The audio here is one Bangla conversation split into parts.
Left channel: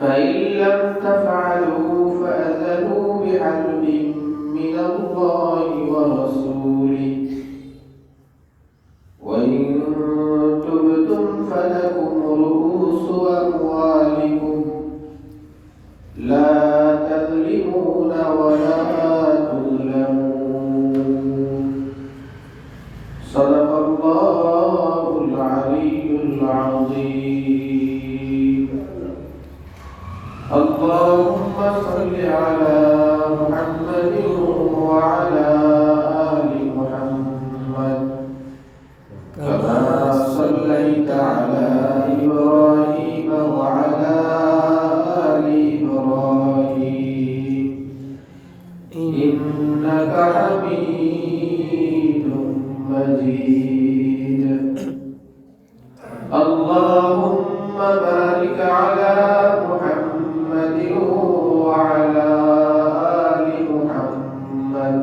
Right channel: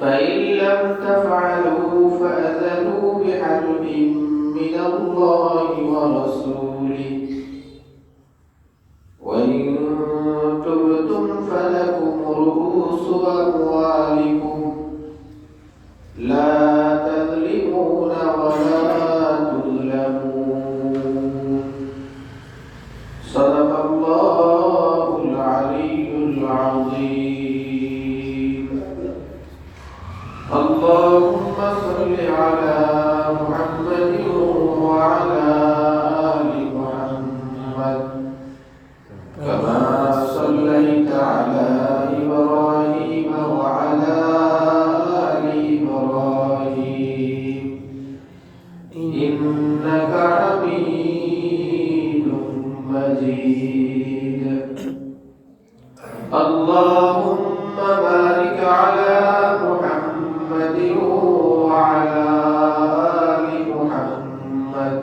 فإن لم تفعلوا فأذنوا بحرب من الله ورسوله وإن تبتم فلكم رؤوس أموالكم لا تظلمون ولا تظلمون صدق الله العلي العظيم. اللهم صل على محمد وعلى آل محمد كما صليت على إبراهيم وعلى آل إبراهيم إنك حميد مجيد. اللهم بارك على محمد وعلى آل محمد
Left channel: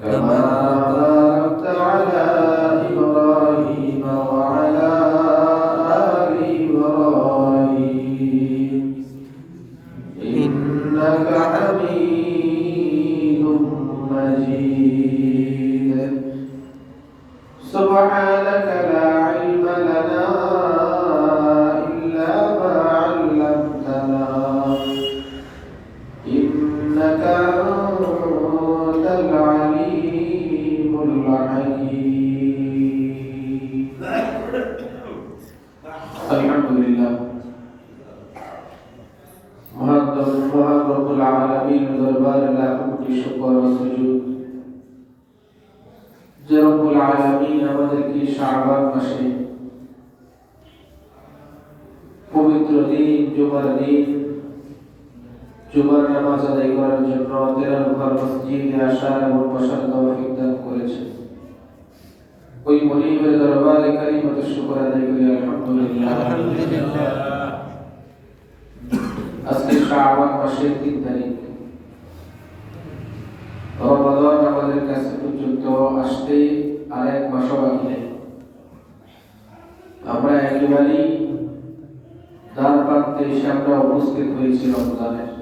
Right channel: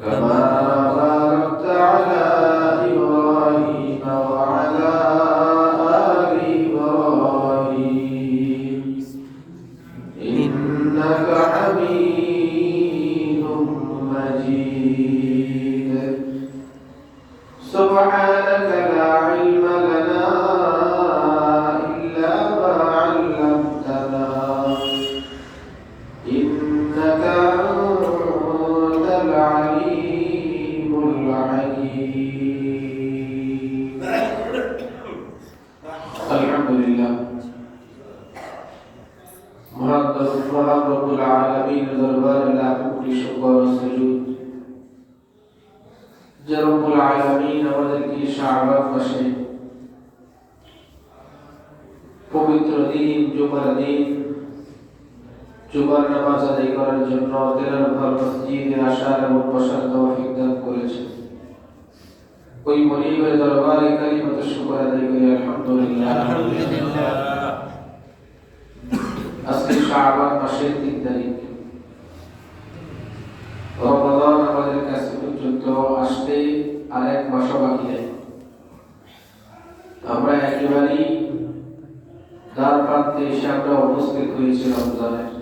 كما باركت على إبراهيم وعلى آل إبراهيم إنك حميد مجيد. سبحانك لا علم لنا إلا ما علمتنا إنك أنت العليم الحكيم. الحمد لله মহান রব্বুল আলামিনের দরবারে লাখ কোটি শুকর ও সুজুদ যে রব্বুল আলামিন আমাদেরকে শাবান মাসে পবিত্র দিন জুমার নামাজ আদায় করার জন্য তেলার ঘর মসজিদে আসার এবং বসার তৌফিক দান করেছেন। ওই মনিবের দরবারে কালিমাতুশ শুকর আদায় করি আলহামদুলিল্লাহ। আজকে শাবান মাসের 3 তারিখ, রমাদান আমাদের কাছে পর্যন্ত আসতে আর এক মাস বাকি নেই। আমরা একেবারেই দ্বার প্রান্তে এসে আমরা উপস্থিত হয়েছি রমজানের।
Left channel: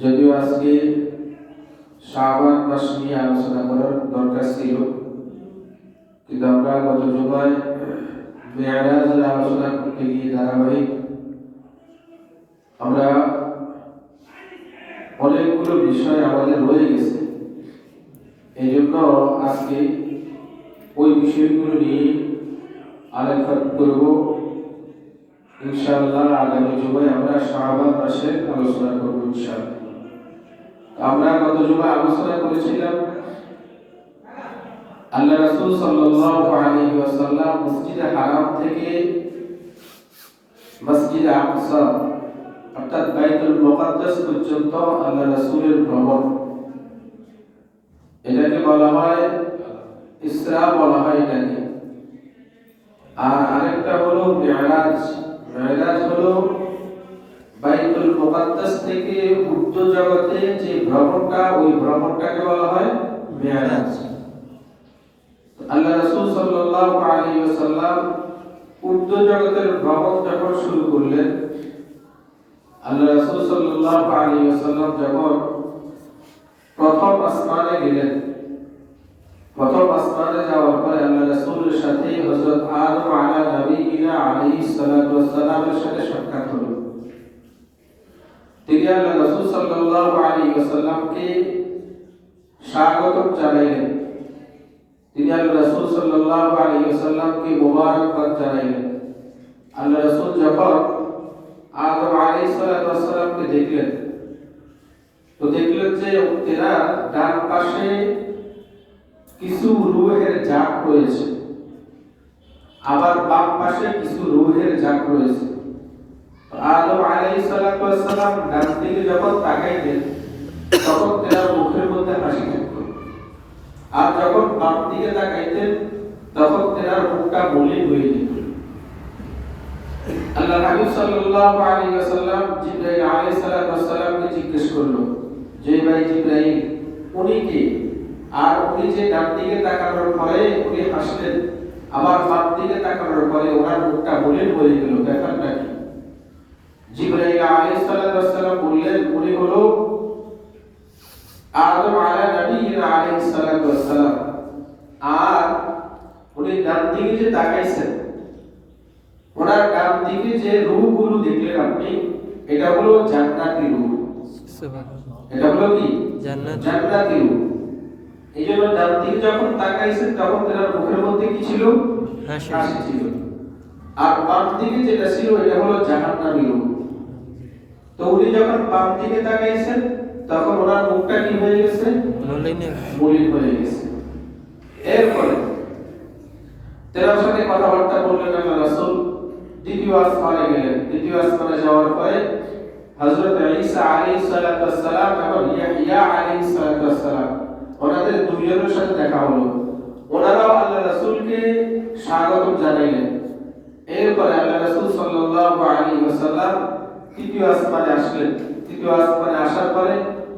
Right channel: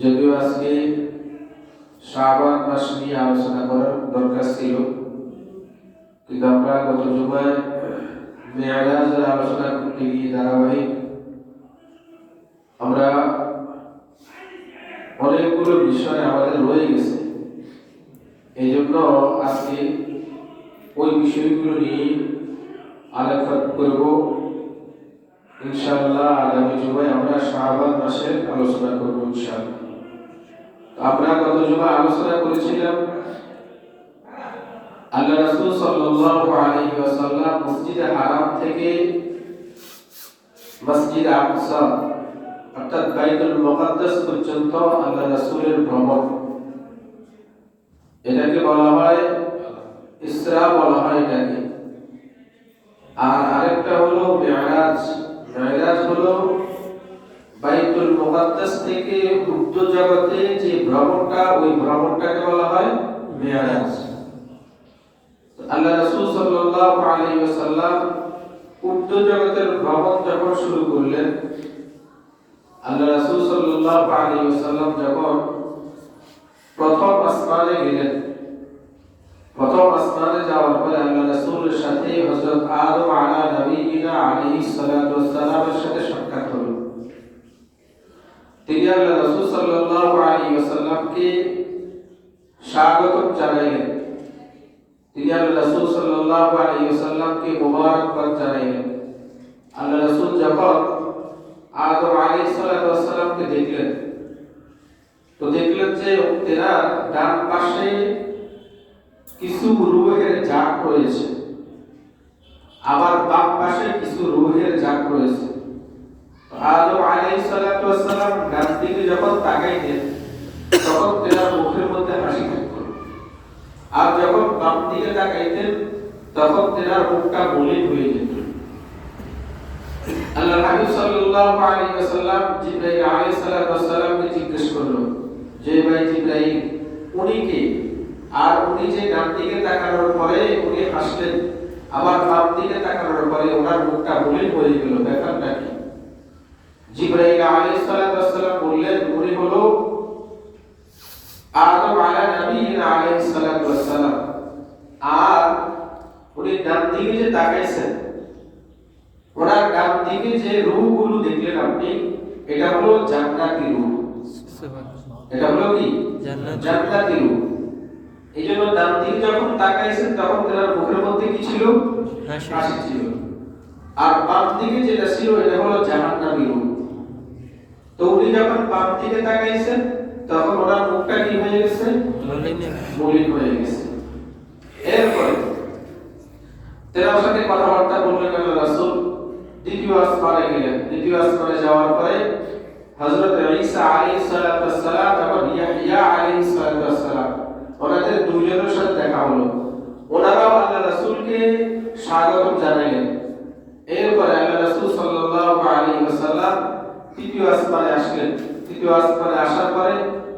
যদিও আজকে শাবান মাস নিয়ে আলোচনা করার দরকার ছিল, কিন্তু আমরা গত জুমায় মেয়ারাজের আলোচনা করতে গিয়ে ধারাবাহিক আমরা অনেকগুলো বিষয় আমাদের রয়ে গেছে। এই জন্য আজকে ওই বিষয়গুলো নিয়ে আলোচনা করব ইনশাআল্লাহ। আগামী জুমায় আমরা শাবান মাসের আলোচনা করব ইনশাআল্লাহ। আমরা গত জুমায় আলোচনা করেছিলাম আল্লাহ রাসূল সাল্লাল্লাহু আলাইহি ওয়াসাল্লাম মসজিদে হারাম থেকে মসজিদে আকসা অর্থাৎ বাইতুল মুকাদ্দাস পর্যন্ত আল্লাহ রাসূলের ভ্রমণ, এটাকে বলা হয় ইসরা বলা হয় এটাকে। আর আরেকটা হলো মেরাজ। মেরাজ হলো বাইতুল মুকাদ্দাস থেকে উর্দু জগতে যে ভ্রমণটা, ওই ভ্রমণটাকে বলা হয় মেরাজ। আল্লাহ রাসূল সাল্লাল্লাহু আলাইহি ওয়াসাল্লাম উর্দু জগতের ভ্রমণ যখন শুরু করলেন, আল্লাহ রাসূল সাল্লাল্লাহু আলাইহি ওয়াসাল্লাম যখন প্রথম আসমানে গেলেন, প্রথম আসমানে যাওয়ার পরে আল্লাহ রাসূলের সাথে হযরত আদম আলাইহিস সালাতু ওয়াস সালামের সাথে সাক্ষাৎ হলো। তিনি আল্লাহ রাসূল সাল্লাল্লাহু আলাইহি ওয়াসাল্লামকে স্বাগত জানাইলেন। তিনি আল্লাহ রাসূল সাল্লাল্লাহু আলাইহি ওয়াসাল্লামকে মুবারকবাদ জানাইলেন। আল্লাহ রাসূল যখন আদম আলাইহিস সালাতু ওয়াস সালামকে দেখলেন, তো দেখলেন যে তেরা ডান পাশে কিছু রূহের ঝাঁক রয়েছে, আবার বাম পাশে কিছু রূহের ঝাঁক রয়েছে। আদম আলাইহিস সালাতু ওয়াস সালাম ডান দিকে যখন তাকাইলেন, তখন তেরা মুখের মধ্যে হাসি থাকতো, আর যখন বাম দিকে তাকাইতেন তখন তেনার মুখটা মলিন হয়ে যেত। আল্লাহ নবী সাল্লাল্লাহু আলাইহি ওয়াসাল্লাম জিবরাইল আলাইহিস সালাতু ওয়াস সালামকে জিজ্ঞেস করলো যে ভাই জিবরাইল উনি কে? আর উনি যে ডান দিকে তাকানোর পরে উনি হাসলেন, আবার বাম দিকে তাকানোর পরে ওনার মুখটা মলিন হয়ে গেল, ব্যাপারটা কি? জিবরাইল আলাইহিস সালাতু ওয়াস সালাম বললেন উনি হলো আদম আলা নবিয়িনা আলাইহিস সালাতু ওয়াস সালাম। আর উনি ডান দিকে যে তাকাইছেন, ওনার ডান দিকে যে রূহগুলো দেখলেন আপনি, এটা হলো জান্নাতি রূহ। এটা হলো কি জান্নাতি রূহ। এই জন্য ডান দিকে যখন তাকাইছেন তখন তার মুখের মধ্যে কি ছিল? হাসি ছিল। আর বাম দিকে যেটা ছিল এটা হলো জাহান্নামী রূহ। তো উনি যখন বাম দিকে তাকাইছেন তখন ওনার মুখটা কি হয়ে গেছে? মলিন হয়ে গেছে। এরপরে তেনার সাথে কথাবার্তা বললেন আল্লাহ রাসূল। দ্বিতীয় আসমানে গেলেন। দ্বিতীয় আসমানে যাওয়ার পরে হযরত ঈসা আলাইহিস সালাতু ওয়াস সালাম এবং ইয়াহইয়া আলাইহিস সালাতু ওয়াস সালাম ওনাদের দুইজনের সাথে দেখা হলো। ওনারাও আল্লাহ রাসূলকে স্বাগত জানালেন। এরপরে আল্লাহ রাসূল সাল্লাল্লাহু আলাইহি ওয়াসাল্লাম তৃতীয় আসমানে আসলেন। তৃতীয় আসমানে আসার পরে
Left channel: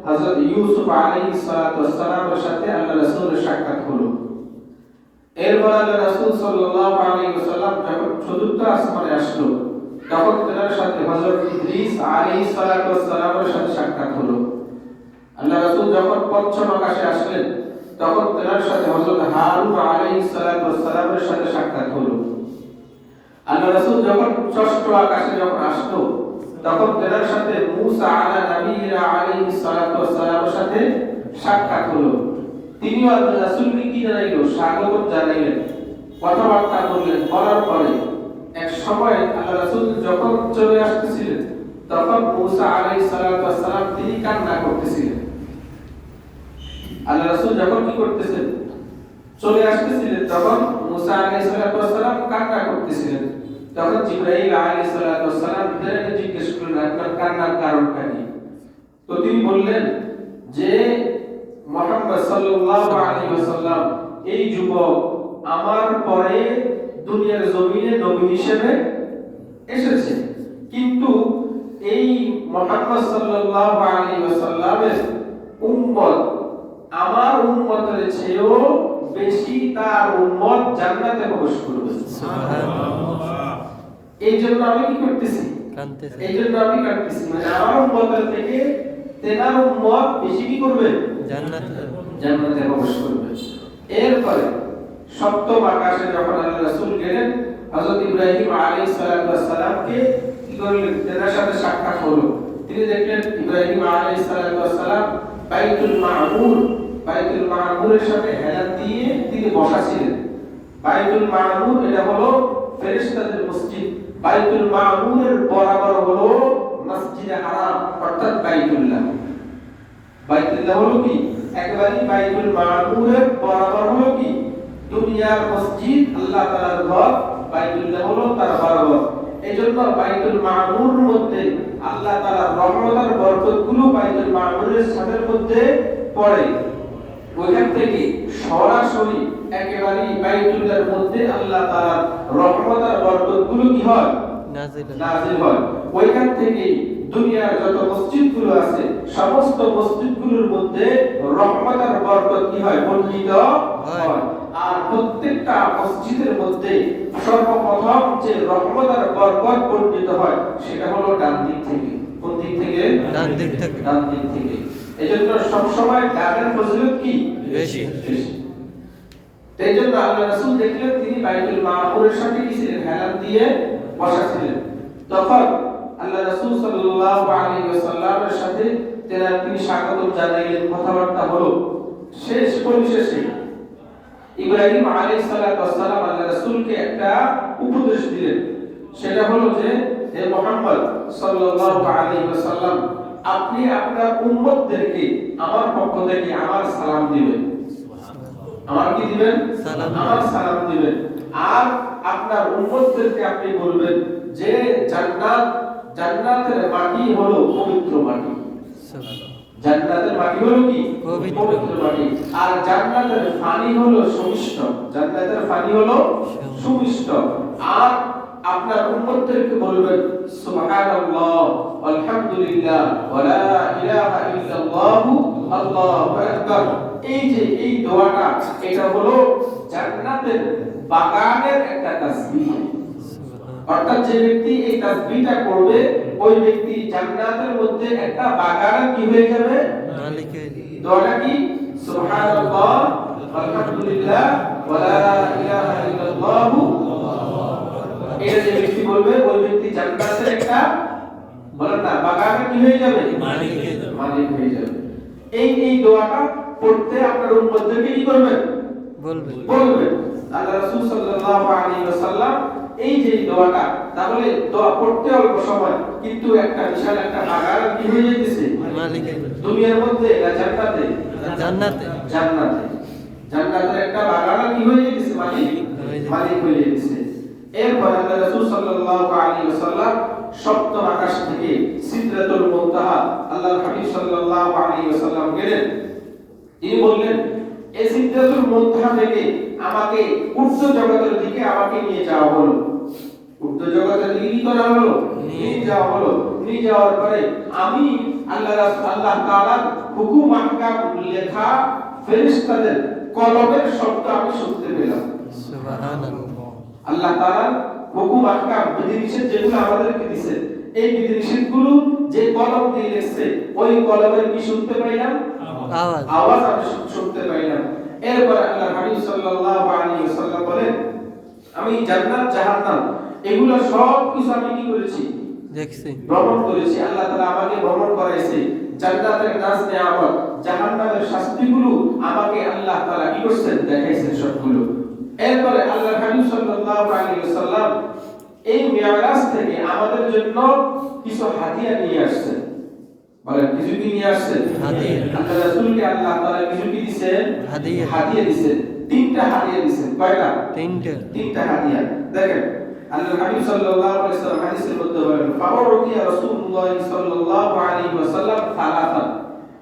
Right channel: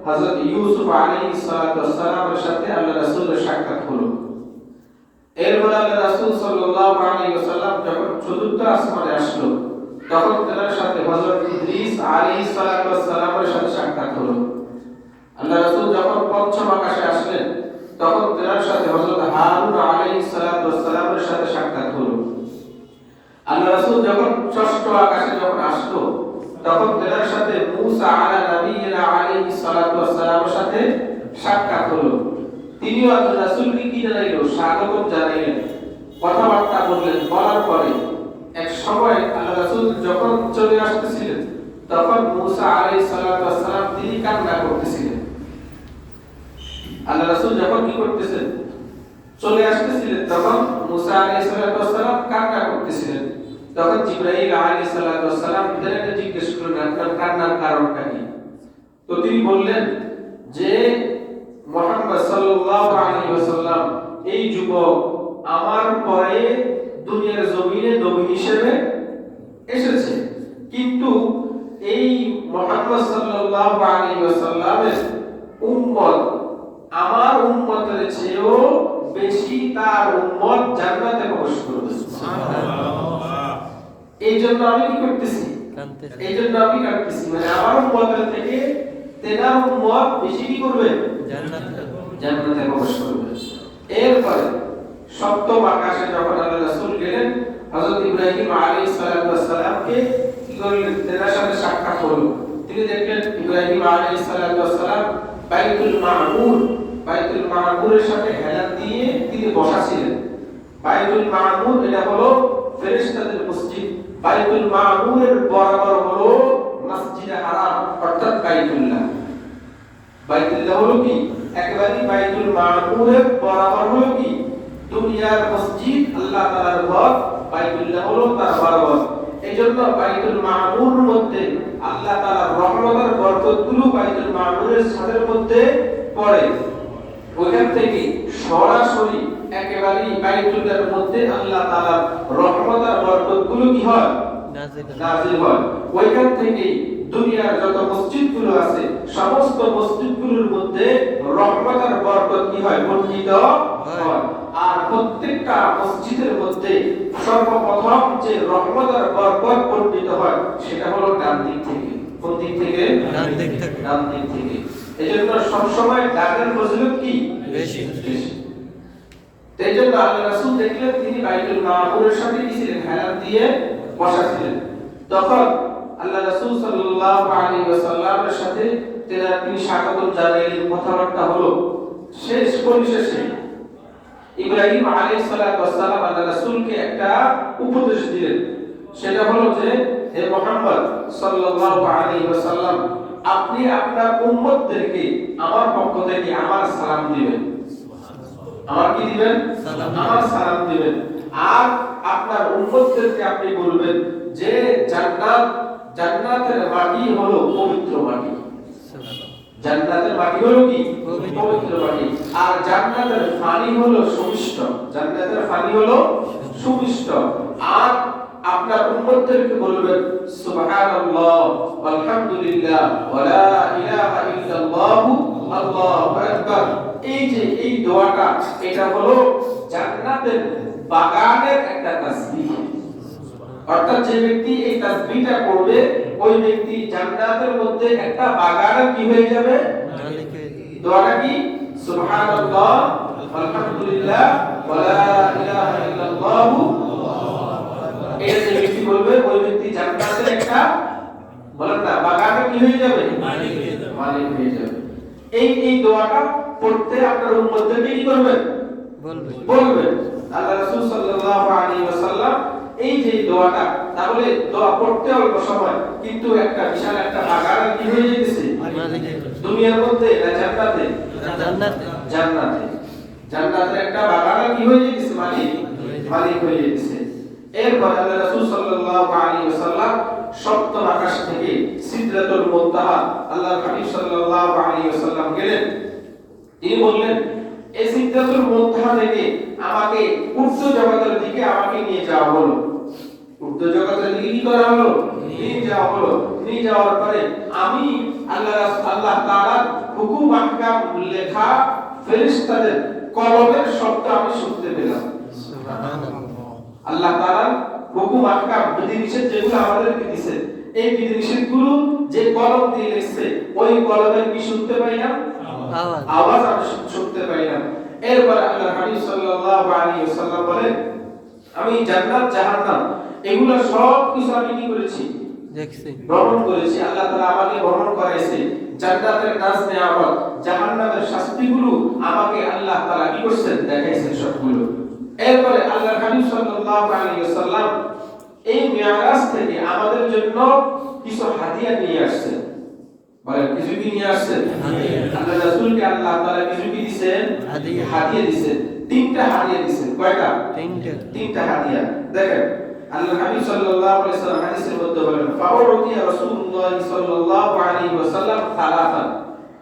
হযরত ইউসুফ আলাইহিস সালাতু ওয়াস সালামের সাথে আল্লাহ রাসূলের সাক্ষাৎ হলো। এরপর আল্লাহ রাসূল সাল্লাল্লাহু আলাইহি ওয়াসাল্লাম যখন চতুর্থ আসমানে আসলো তখন তার সাথে হযরত ইদ্রিস আলাইহিস সালাতু ওয়াস সালামের সাথে সাক্ষাৎ হলো। আল্লাহ রাসূল যখন পঞ্চম আকাশে আসলেন তখন তার সাথে হযরত হারুন আলাইহিস সালাতু ওয়াস সালামের সাথে সাক্ষাৎ হলো। আল্লাহ রাসূল যখন ষষ্ঠ আকাশে যখন আসলো তখন তার সাথে মূসা আলা নবিয়িনা আলাইহিস সালাতু ওয়াস সালামের সাথে সাক্ষাৎ হলো। তিনিও আল্লাহ রাসূলকে কি জানাইলো? স্বাগত জানাইলেন, কথাবার্তা বললেন। বলার পরে এক সময় আল্লাহ রাসূল যখন চলে আসতেছিলেন তখন মূসা আলাইহিস সালাতু ওয়াস সালাম তিনি কান্না করতেছিলেন। আল্লাহ রাসূল যখন কি করতেছেন? চলে আসতেছিলেন তখন মূসা আলাইহিস সালাতু ওয়াস সালাম কান্না করতেছিলেন। তখন জিবরাইল আলাইহিস সালাতু ওয়াস সালাম তাকে জিজ্ঞেস করলেন আপনার কান্নার কারণটা কি? তো তিনি বললেন যে মুহাম্মদ সাল্লাল্লাহু আলাইহি ওয়াসাল্লাম এই যুবক আমার পরে দুনিয়ার জমিনে নবী হিসেবে এসেছে, কিন্তু এই মুহাম্মদ সাল্লাল্লাহু আলাইহি ওয়াসাল্লামের উম্মত আমার উম্মতের চেয়েও বেশি তার উম্মত জান্নাতে প্রবেশ করবে। সুবহানাল্লাহ। এইজন্য আমি কি করতেছি? এইজন্য আমি কাঁদতেছি, মানে আমার উম্মতের থেকে তেনার উম্মত বেশি কি করবে? জান্নাতে প্রবেশ করবে। এরপরে সপ্তম আকাশে যখন আল্লাহ রাসূল গেলেন হযরত ইব্রাহিম আলাইহিস সালাতু ওয়াস সালামকে কি করলেন? তার সাথে সাক্ষাৎ হলো। তিনি দেখলেন ইব্রাহিম আলাইহিস সালাতু ওয়াস সালাম বাইতুল মামুরের সাথে হেলান দিয়ে তিনি বসা ছিলেন। বাইতুল মামুর এটা হলো ফেরেশতাদের মসজিদ। বাইতুল মামুরের বরাবর হলো মসজিদে হারাম অর্থাৎ বাইতুল্লাহ। বাইতুল্লাহ হলো কি? একেবারে বাইতুল মামুরের বরাবর হলো কি? দুনিয়ার মসজিদ, আল্লাহ তাআলার ঘর। বাইতুল্লাহ হলো তার বরাবর। এইজন্য বাইতুল মামুরের মধ্যে আল্লাহ তাআলার রহমত আর বরকতগুলো বাইতুল মামুরের ছাদের মধ্যে পড়ে। ওইখান থেকে সরাসরি একেবারে বাইতুল্লাহর মধ্যে আল্লাহ তাআলার রহমত আর বরকতগুলো কি হয়? নাযিল হয়। ওইখান থেকে দুনিয়ার যত মসজিদগুলো আছে সমস্ত মসজিদগুলোর মধ্যে রহমত আর বরকত কি হয়? বর্ধিত হয়। আর প্রত্যেকটা মসজিদের মধ্যে সর্বপ্রথম যে রহমত আর বরকত বর্ধিত হয় সেটা হলো ডান দিক থেকে। কোন দিক থেকে? ডান দিক থেকে। ডান দিক থেকে। এজন্য সব সময় ডানের ফজিলত কি? বেশি। এইজন্য আল্লাহ রাসূল দেখলেন তিনি বাইতুল মামুরের সাথে কি ছিলেন? হেলান দিয়ে বসা ছিলেন। তখন আল্লাহ রাসূল সাল্লাল্লাহু আলাইহি ওয়াসাল্লামের সাথে তিনি স্বাগত জানাইলেন, কথাবার্তা হলো। শেষ পরিশেষে ইব্রাহিম আলাইহিস সালাতু ওয়াস সালাম আল্লাহ রাসূলকে একটা উপদেশ দিলেন। সেটা হলো যে হে মুহাম্মদ সাল্লাল্লাহু আলাইহি ওয়াসাল্লাম আপনি আপনার উম্মতদেরকে আমার পক্ষ থেকে আমার সালাম দিবেন। আমার কি দিবেন? আমার সালাম দিবেন। আর আপনার উম্মতদেরকে আপনি বলবেন যে জান্নাতের মাটি হলো পবিত্র মাটি। জান্নাতের মাটি হলো কি? পবিত্র মাটি। আর জান্নাতের পানি হলো সুমিষ্ট। জান্নাতের পানি হলো সুমিষ্ট। আর আপনার উম্মতদেরকে বলবেন সুবহানাল্লাহ আলহামদুলিল্লাহ ওয়া লা ইলাহা ইল্লাল্লাহ আল্লাহু আকবার। এই যে এই দোয়াটা এটা হলো জান্নাতের বাগানের একটা তাসবিহ। অর্থাৎ যে ব্যক্তি এই তাসবিহটা করবে ওই ব্যক্তি জান্নাতের মধ্যে একটা বাগান কি হয়ে যাবে? দোয়াটা কি? সুবহানাল্লাহ আলহামদুলিল্লাহ ওয়া লা ইলাহা ইল্লাল্লাহ। এই যে ব্যক্তি বলবে ওই ব্যক্তি জান্নাতের একটা বলেন না বাগানে কি হয়ে যাবে? মালিক হয়ে যাবে। এই দোয়াটা পড়তে আপনার উম্মতদেরকে কি করবেন? বলবেন। আল্লাহ রাসূল সাল্লাল্লাহু আলাইহি ওয়াসাল্লাম এই যে দোয়াটা, তাহলে দোয়া পড়তে অল্প সময় কিন্তু একটা বিশাল একটা বাগান কি হয়ে যেতেছে দুনিয়ার মধ্যে না জান্নাতে? জান্নাতে জান্নাতের একটা বাগান কি হয়ে যেতেছে? মালিক হয়ে যেতেছে। এরপর আল্লাহ রাসূল সাল্লাল্লাহু আলাইহি ওয়াসাল্লাম সপ্তম আকাশ থেকে সিদরাতুল মুনতাহা আল্লাহর হাবিব সাল্লাল্লাহু আলাইহি ওয়াসাল্লাম গেলেন। তিনি বললেন, এই সিদরাতুল মুনতাহা থেকে আমাকে ঊর্ধ্ব জগতের দিকে আমাকে নিয়ে যাওয়া হলো। ঊর্ধ্ব জগতের দিকে কি করা হলো? নিয়ে যাওয়া হলো। নিয়ে যাওয়ার পরে আমি আল্লাহ তাআলার হুকুম আহকাম লেখা ফেরেশতাদের কলমের শব্দ আমি শুনতে পেলাম। সুবহানাল্লাহ। আল্লাহ তাআলা হুকুম আহকাম বিধিনিষেধ যেগুলো আমাদেরকে দিয়েছেন, এই বিধিনিষেধগুলো যে কলম দিয়ে লিখছে ওই কলমের কি শুনতে পাইলাম? আওয়াজ আমি শুনতে পাইলাম। এরপর আল্লাহর হাবিব সাল্লাল্লাহু আলাইহি ওয়াসাল্লাম বলেন, আমি জান্নাত জাহান্নাম এগুলো সব কিছু আমি কি করেছি? দেখছি, ভ্রমণ করেছি। আল্লাহ তাআলা আমাকে ভ্রমণ করাইছে। জান্নাতের নাজ নেয়ামত, জাহান্নামের শাস্তিগুলো আমাকে আল্লাহ তাআলা কি করেছেন? দেখাইছেন সবগুলো। এরপরে আল্লাহর হাবিব সাল্লাল্লাহু আলাইহি ওয়াসাল্লাম এই মিরাজ থেকে আমাদের জন্য কিছু হাদিয়া নিয়ে আসছেন। বলেন কিছু কি নিয়ে আসছেন? আল্লাহ রাসূলকে আল্লাহ তাআলা কিছু কি দিবেন? হাদিয়া দিবেন। তিনটা হাদিয়া দিবেন। কয়টা? তিনটা হাদিয়া। দেখেন আল্লাহর হাবিব সাল্লাল্লাহু আলাইহি ওয়াসাল্লাম হাদিসের মধ্যে বলেন, ফাওরাতিয়া রাসূলুল্লাহ সাল্লাল্লাহু আলাইহি ওয়াসাল্লাম সালাফান।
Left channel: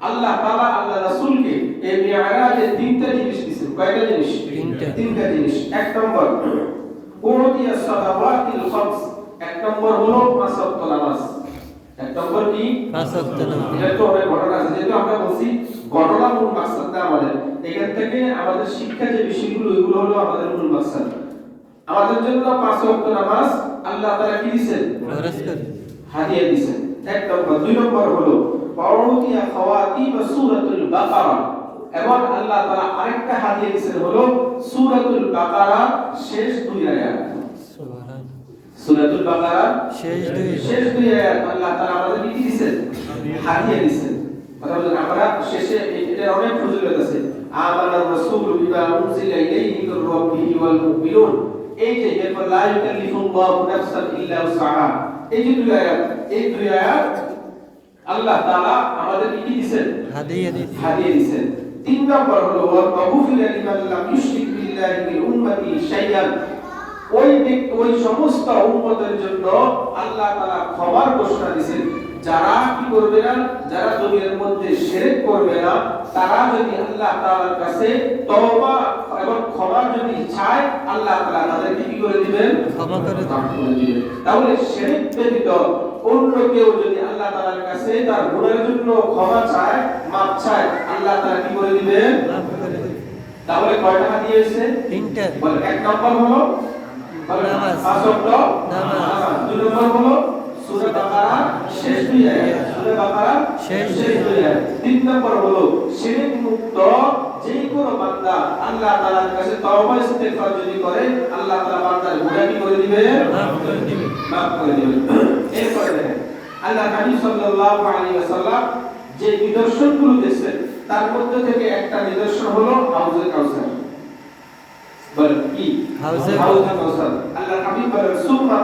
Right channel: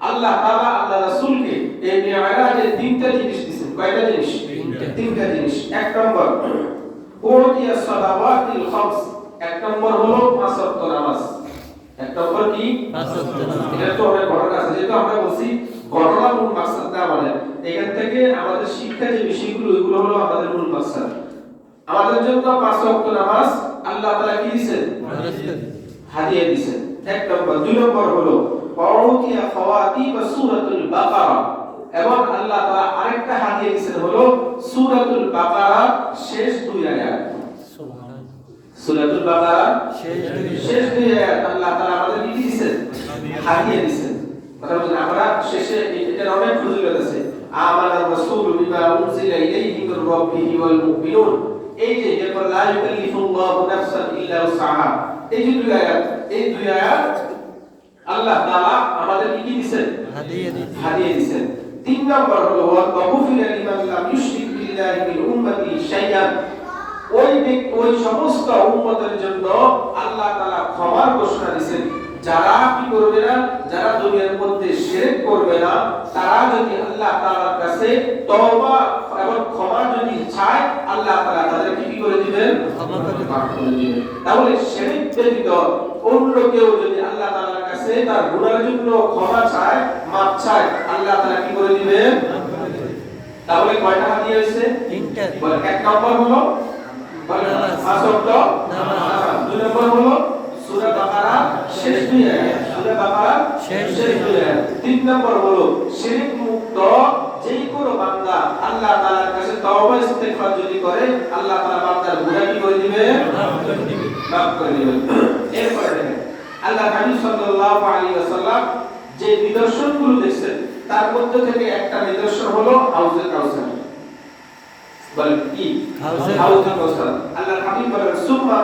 আল্লাহ তাআলা আল্লাহ রাসূলকে এই মিরাজে তিনটা জিনিস দিবেন। কয়টা জিনিস? তিনটা জিনিস। এক নম্বর উরতিয়া সালাওয়াতিল খামস। এক নম্বর হলো পাঁচ ওয়াক্ত নামাজ। এক নম্বর কি? পাঁচ ওয়াক্ত নামাজ। এটা তো অনেক ঘটনা আছে, যেটা আমরা বলছি ঘটনা মূল মাকসাদ না বলেন। এখান থেকে আমাদের শিক্ষা যে বিষয়গুলো এগুলো হলো আমাদের মূল মাকসাদ। আমাদের জন্য পাঁচ ওয়াক্ত নামাজ আল্লাহ তাআলা কি দিবেন? হাদিয়া দিবেন। এক নম্বর। দুই নম্বর হলো উরতিয়া খাওয়াতিব সূরাতুল বাকারা। এবং আল্লাহ তাআলা আরেকটা হাদিয়া দিয়েছেন হলো সূরাতুল বাকারা শেষ দুই আয়াত। সুবহানাল্লাহ। সূরাতুল বাকারা শেষ দুই আয়াত আল্লাহ তাআলা আমাদেরকে কি দিয়েছেন? হাদিয়া দিয়েছেন। মানে আমরা শেষে এটা অনেক ফজিলত আছে। আমানার রাসূল বিমা উনজিলা ইলাইহি মির রাব্বিহি ওয়াল মুমিনুন। এই যে এরপর লা ইউকাল্লিফুল্লাহু নাফসান ইল্লা উসআহা, এই যে দুই আয়াত, এই দুই আয়াত আল্লাহ তাআলা আমাদেরকে কি দিয়েছেন? হাদিয়া দিয়েছেন। তিন নম্বর হলো ওয়াগফিরা লিমান লাম ইউশরিক বিল্লাহি মিন উম্মতি শাইআন। ওই সমস্ত উম্মতের জন্য আল্লাহ তাআলা ক্ষমার ঘোষণা দিয়েছেন, যারা কি করবে না, যারা দুনিয়ার মধ্যে শিরক করবে না, তারা যদি আল্লাহ তাআলার কাছে তওবা এবং ক্ষমা যদি চায় আল্লাহ তাআলা তাদেরকে কি করে দিবেন? ক্ষমা করে দিবেন। তাহলে শিরক ব্যতীত অন্য কেউ যদি আল্লাহ তাআলার কাছে তার গুনাহের জন্য ক্ষমা চায়, মাফ চায়, আল্লাহ তাআলা কি করে দিবেন? তাহলে কয়টা হাদিয়া হয়েছে? তিনটা। এক নম্বর হলো পাঁচ ওয়াক্ত নামাজ। দুই নম্বর হলো সূরা বাকারা শেষ দুই আয়াত। সূরা বাকারা শেষ দুই আয়াত। তিন নম্বর হলো শিরক মুক্ত যে কোনো বান্দা আল্লাহ তাআলার কাছে তওবা ইস্তেগফার যদি করে আল্লাহ তাআলা বান্দার গুনাহ কি করে দিবেন? মাফ করে দিবেন। এরপরে আল্লাহ হাবিব সাল্লাল্লাহু আলাইহি ওয়াসাল্লাম যে নিদর্শনগুলো দিয়েছেন তার মধ্যে থেকে একটা নিদর্শন হলো হাউজে কাউসার। বলেন কি? হাউজে কাউসার। আল্লাহ হাবিব বলেন সুম্মা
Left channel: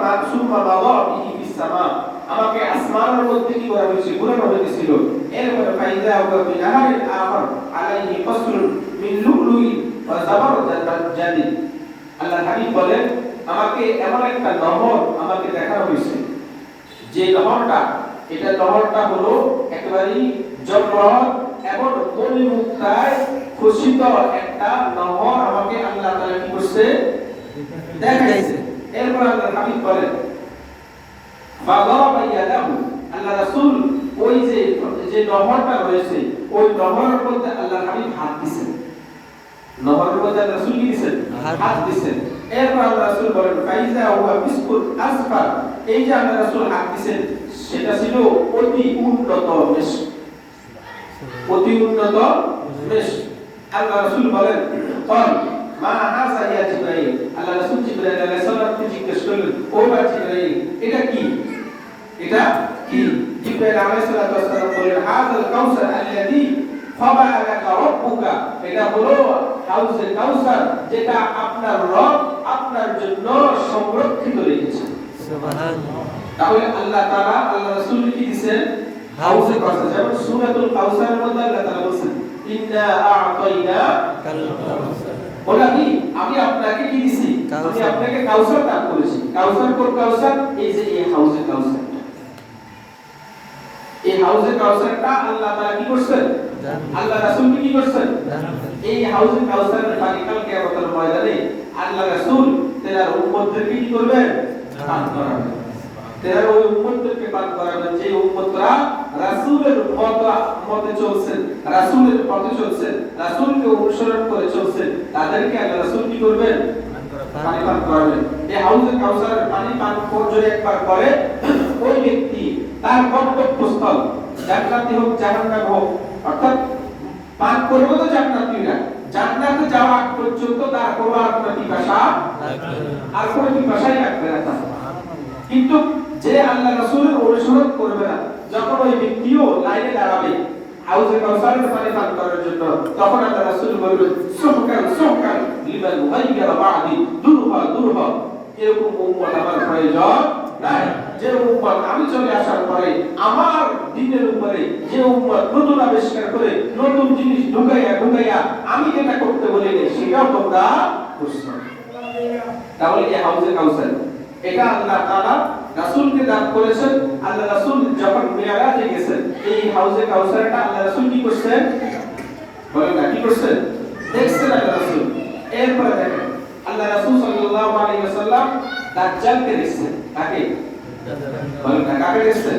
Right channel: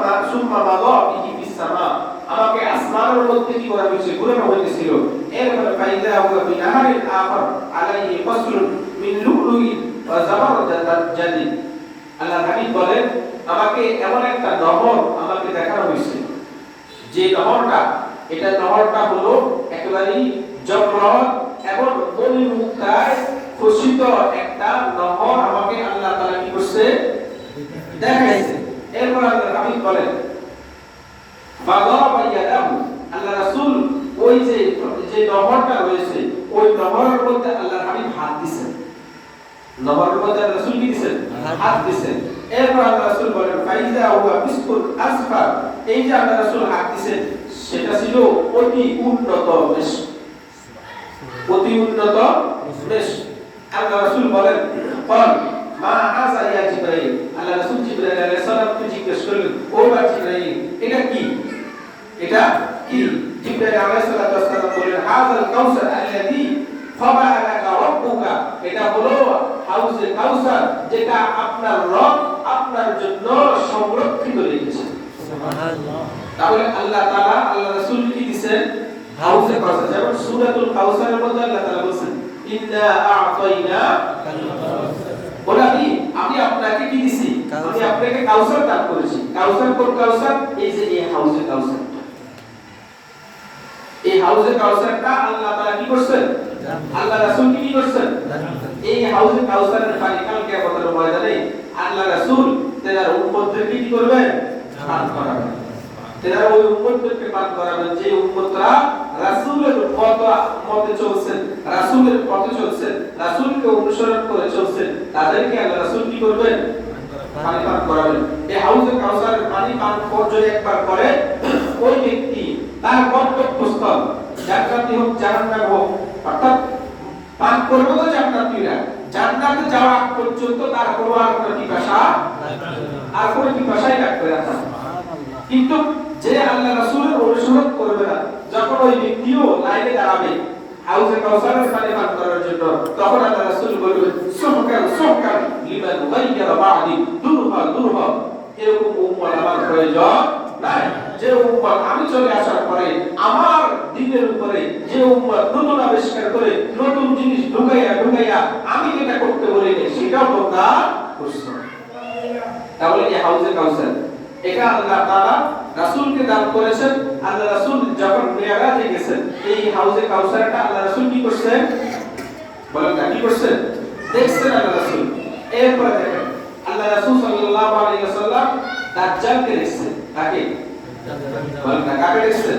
মাদা বিহি ফিস সামা। আমাকে আসমানের মধ্যে কি করা হয়েছে? ঘোরানো হয়েছিল। এরপরে ফাইদা হুয়া বিনাহারিল আখর আলাইহি ফাসলুন মিন লুলুই ওয়া জাবারদাত জাদিদ। আল্লাহ হাবিব বলেন আমাকে এমন একটা নহর আমাকে দেখানো হয়েছে, যে নহরটা, এটা নহরটা হলো একেবারেই জবরদস্ত এবং মণিমুক্তায় খচিত একটা নহর আমাকে আল্লাহ তাআলা কি করছে? দেখাইছে। এরপর আল্লাহ হাবিব বলেন বাদারা ইয়াদাহু। আল্লাহ রাসূল ওই যে নহরটা রয়েছে ওই নহরের মধ্যে আল্লাহ হাবিব হাত দিয়েছেন। নহরের মধ্যে আল্লাহ রাসূল কি দিয়েছেন? হাত দিয়েছেন। এরপর আল্লাহ রাসূল বলেন ফাইজা হুয়া মিসকুল আসফার, এই যে আল্লাহ রাসূল হাত দিয়েছেন সেটা ছিল অতি উন্নত মিশক, অতি উন্নত মিশক। আল্লাহ রাসূল বলেন কল মা হাযা ইয়া জিবরাইল, আল্লাহ রাসূল জিবরাইল আলাইহিস সালামকে জিজ্ঞেস করলেন ও বা জিবরাইল এটা কি, এটা কি? জিবরাইল আলাইহিস সালাম বলেন হাযাল কাউসার আল্লাযী খাবা লাকা রাব্বুকা, এটা হলো হাউজে কাউসার যেটা আপনার রব আপনার জন্য সংরক্ষিত রেখেছে। সুবহানাল্লাহ। তাহলে আল্লাহ তাআলা আল্লাহ রাসূল কি দিবেন? হাউজে কাউসার। যেমন সূরাতুল কাউসারের মধ্যে আল্লাহ তাআলা বলেন ইন্না আ'তাইনা কাল কাউসার, বলে আমি আপনাকে কি দিছি? আমি আপনাকে কাউসার দান করেছি। কাউসার কোন কাউসার? এই যে এই হাউজে কাউসার, এই হাউজে কাউসারটা আল্লাহ তাআলা কি করছেন? আল্লাহ রাসূল কি করছেন? এই হাউজে কাউসারের পানি কাল কিয়ামতের ময়দানে আল্লাহ রাসূল তার উম্মতদেরকে কি করবেন? পান করাবেন। তারা ওই উম্মতদেরকে পান করাবেন যে উম্মতরা রাসূলের পথে চলছেন, রাসূলের পথে চলছেন, রাসূলকে অনুসরণ করে চলছেন, তাদেরকে আল্লাহ রাসূল কি করবেন? পানি পান করাবেন। এই হাউজে কাউসারের পানি পান করে একবার করে ওই ব্যক্তি তার গন্তব্যস্থল জান্নাতি হোক জাহান্নাম হোক, অর্থাৎ পান করবে তো জান্নাতীরা, জান্নাতে যাওয়া পর্যন্ত তার কোনো আর কোনো পিপাসাই লাগবে না। কিন্তু যে আল্লাহ রাসূলের অনুসরণ করবে না, যখন ওই ব্যক্তিও লাইনে দাঁড়াবে হাউজে কাউসারের পানি পান করার জন্য, তখন আল্লাহ রাসূল বলবেন সুবহান সুবহান লিমান গায়রা বাদি দুরহা দুরহা, এরকম উম্মত আমার প্রয়োজন নাই। যে উম্মত আমি চলে আসার পরে আমার দ্বীনের উপরে যে উম্মত নতুন আবিষ্কার করে নতুন জিনিস ঢুকাইয়া আমি যেটা করতে বলি সেটাও তোমরা করছো। তাহলে এই হাউজে কাউসার এটা আল্লাহ তাআলা রাসূলকে দান করেছেন। আল্লাহ রাসূল যখন মিরাজে গেছেন এই হাউজে কাউসারটা আল্লাহ রাসূল কি করছেন? বলেন না কি করছেন? দেখছেন আল্লাহ রাসূল। এরপর দেখেন আল্লাহ রাসূল সাল্লাল্লাহু আলাইহি ওয়াসাল্লাম দাজ্জালকে দেখছেন। কাকে? বলেন না কাকে দেখছেন?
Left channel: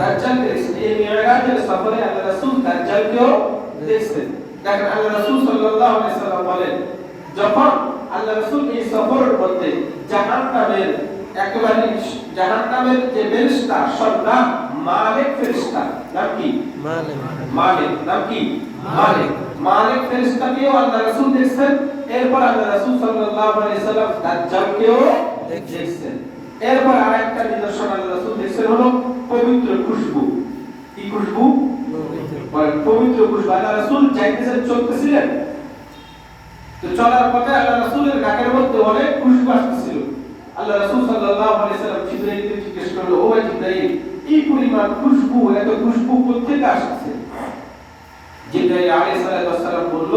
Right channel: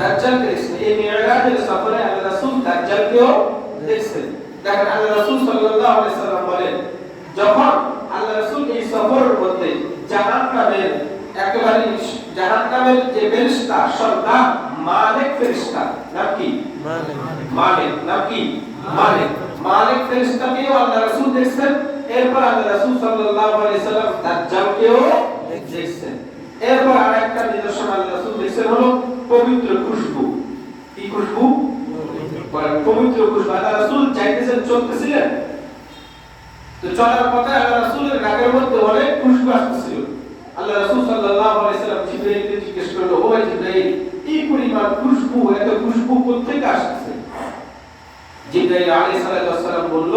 দাজ্জালকে দেখছেন। এই মিরাজের সফরে আল্লাহ রাসূল দাজ্জালকেও দেখছেন। দেখেন আল্লাহ রাসূল সাল্লাল্লাহু আলাইহি ওয়াসাল্লাম বলেন যখন আল্লাহ রাসূল এই সফরের মধ্যে জাহান্নামের একেবারে জাহান্নামের যে ফেরেশতা সর্দার মালিক ফেরেশতা, নাম কি? মালিক। নাম কি? মালিক ফেরেশতাকেও আল্লাহ রাসূল দেখছেন। এরপর আল্লাহ রাসূল সাল্লাল্লাহু আলাইহি সাল্লাম দাজ্জালকেও দেখছেন। এরপর আরেকটা নিদর্শন আল্লাহ রাসূল দেখছেন হলো পবিত্র খুশবু। কি খুশবু? পবিত্র খুশবু। আল্লাহ রাসূল যাইতেছেন, চলতেছিলেন, তো চলার পথে আল্লাহ রাসূলের নাকের মধ্যে অনেক খুশবু আসছিল। আল্লাহ রাসূল সাল্লাল্লাহু আলাইহি সাল্লাম জিবরাইলকে জিজ্ঞেস করলেন ও ভাই জিবরাইল এই পরিমাণ খুশবু, এত খুশবু কোথা থেকে আসছে? জিবরাইল আলাইহিস সালাম বলল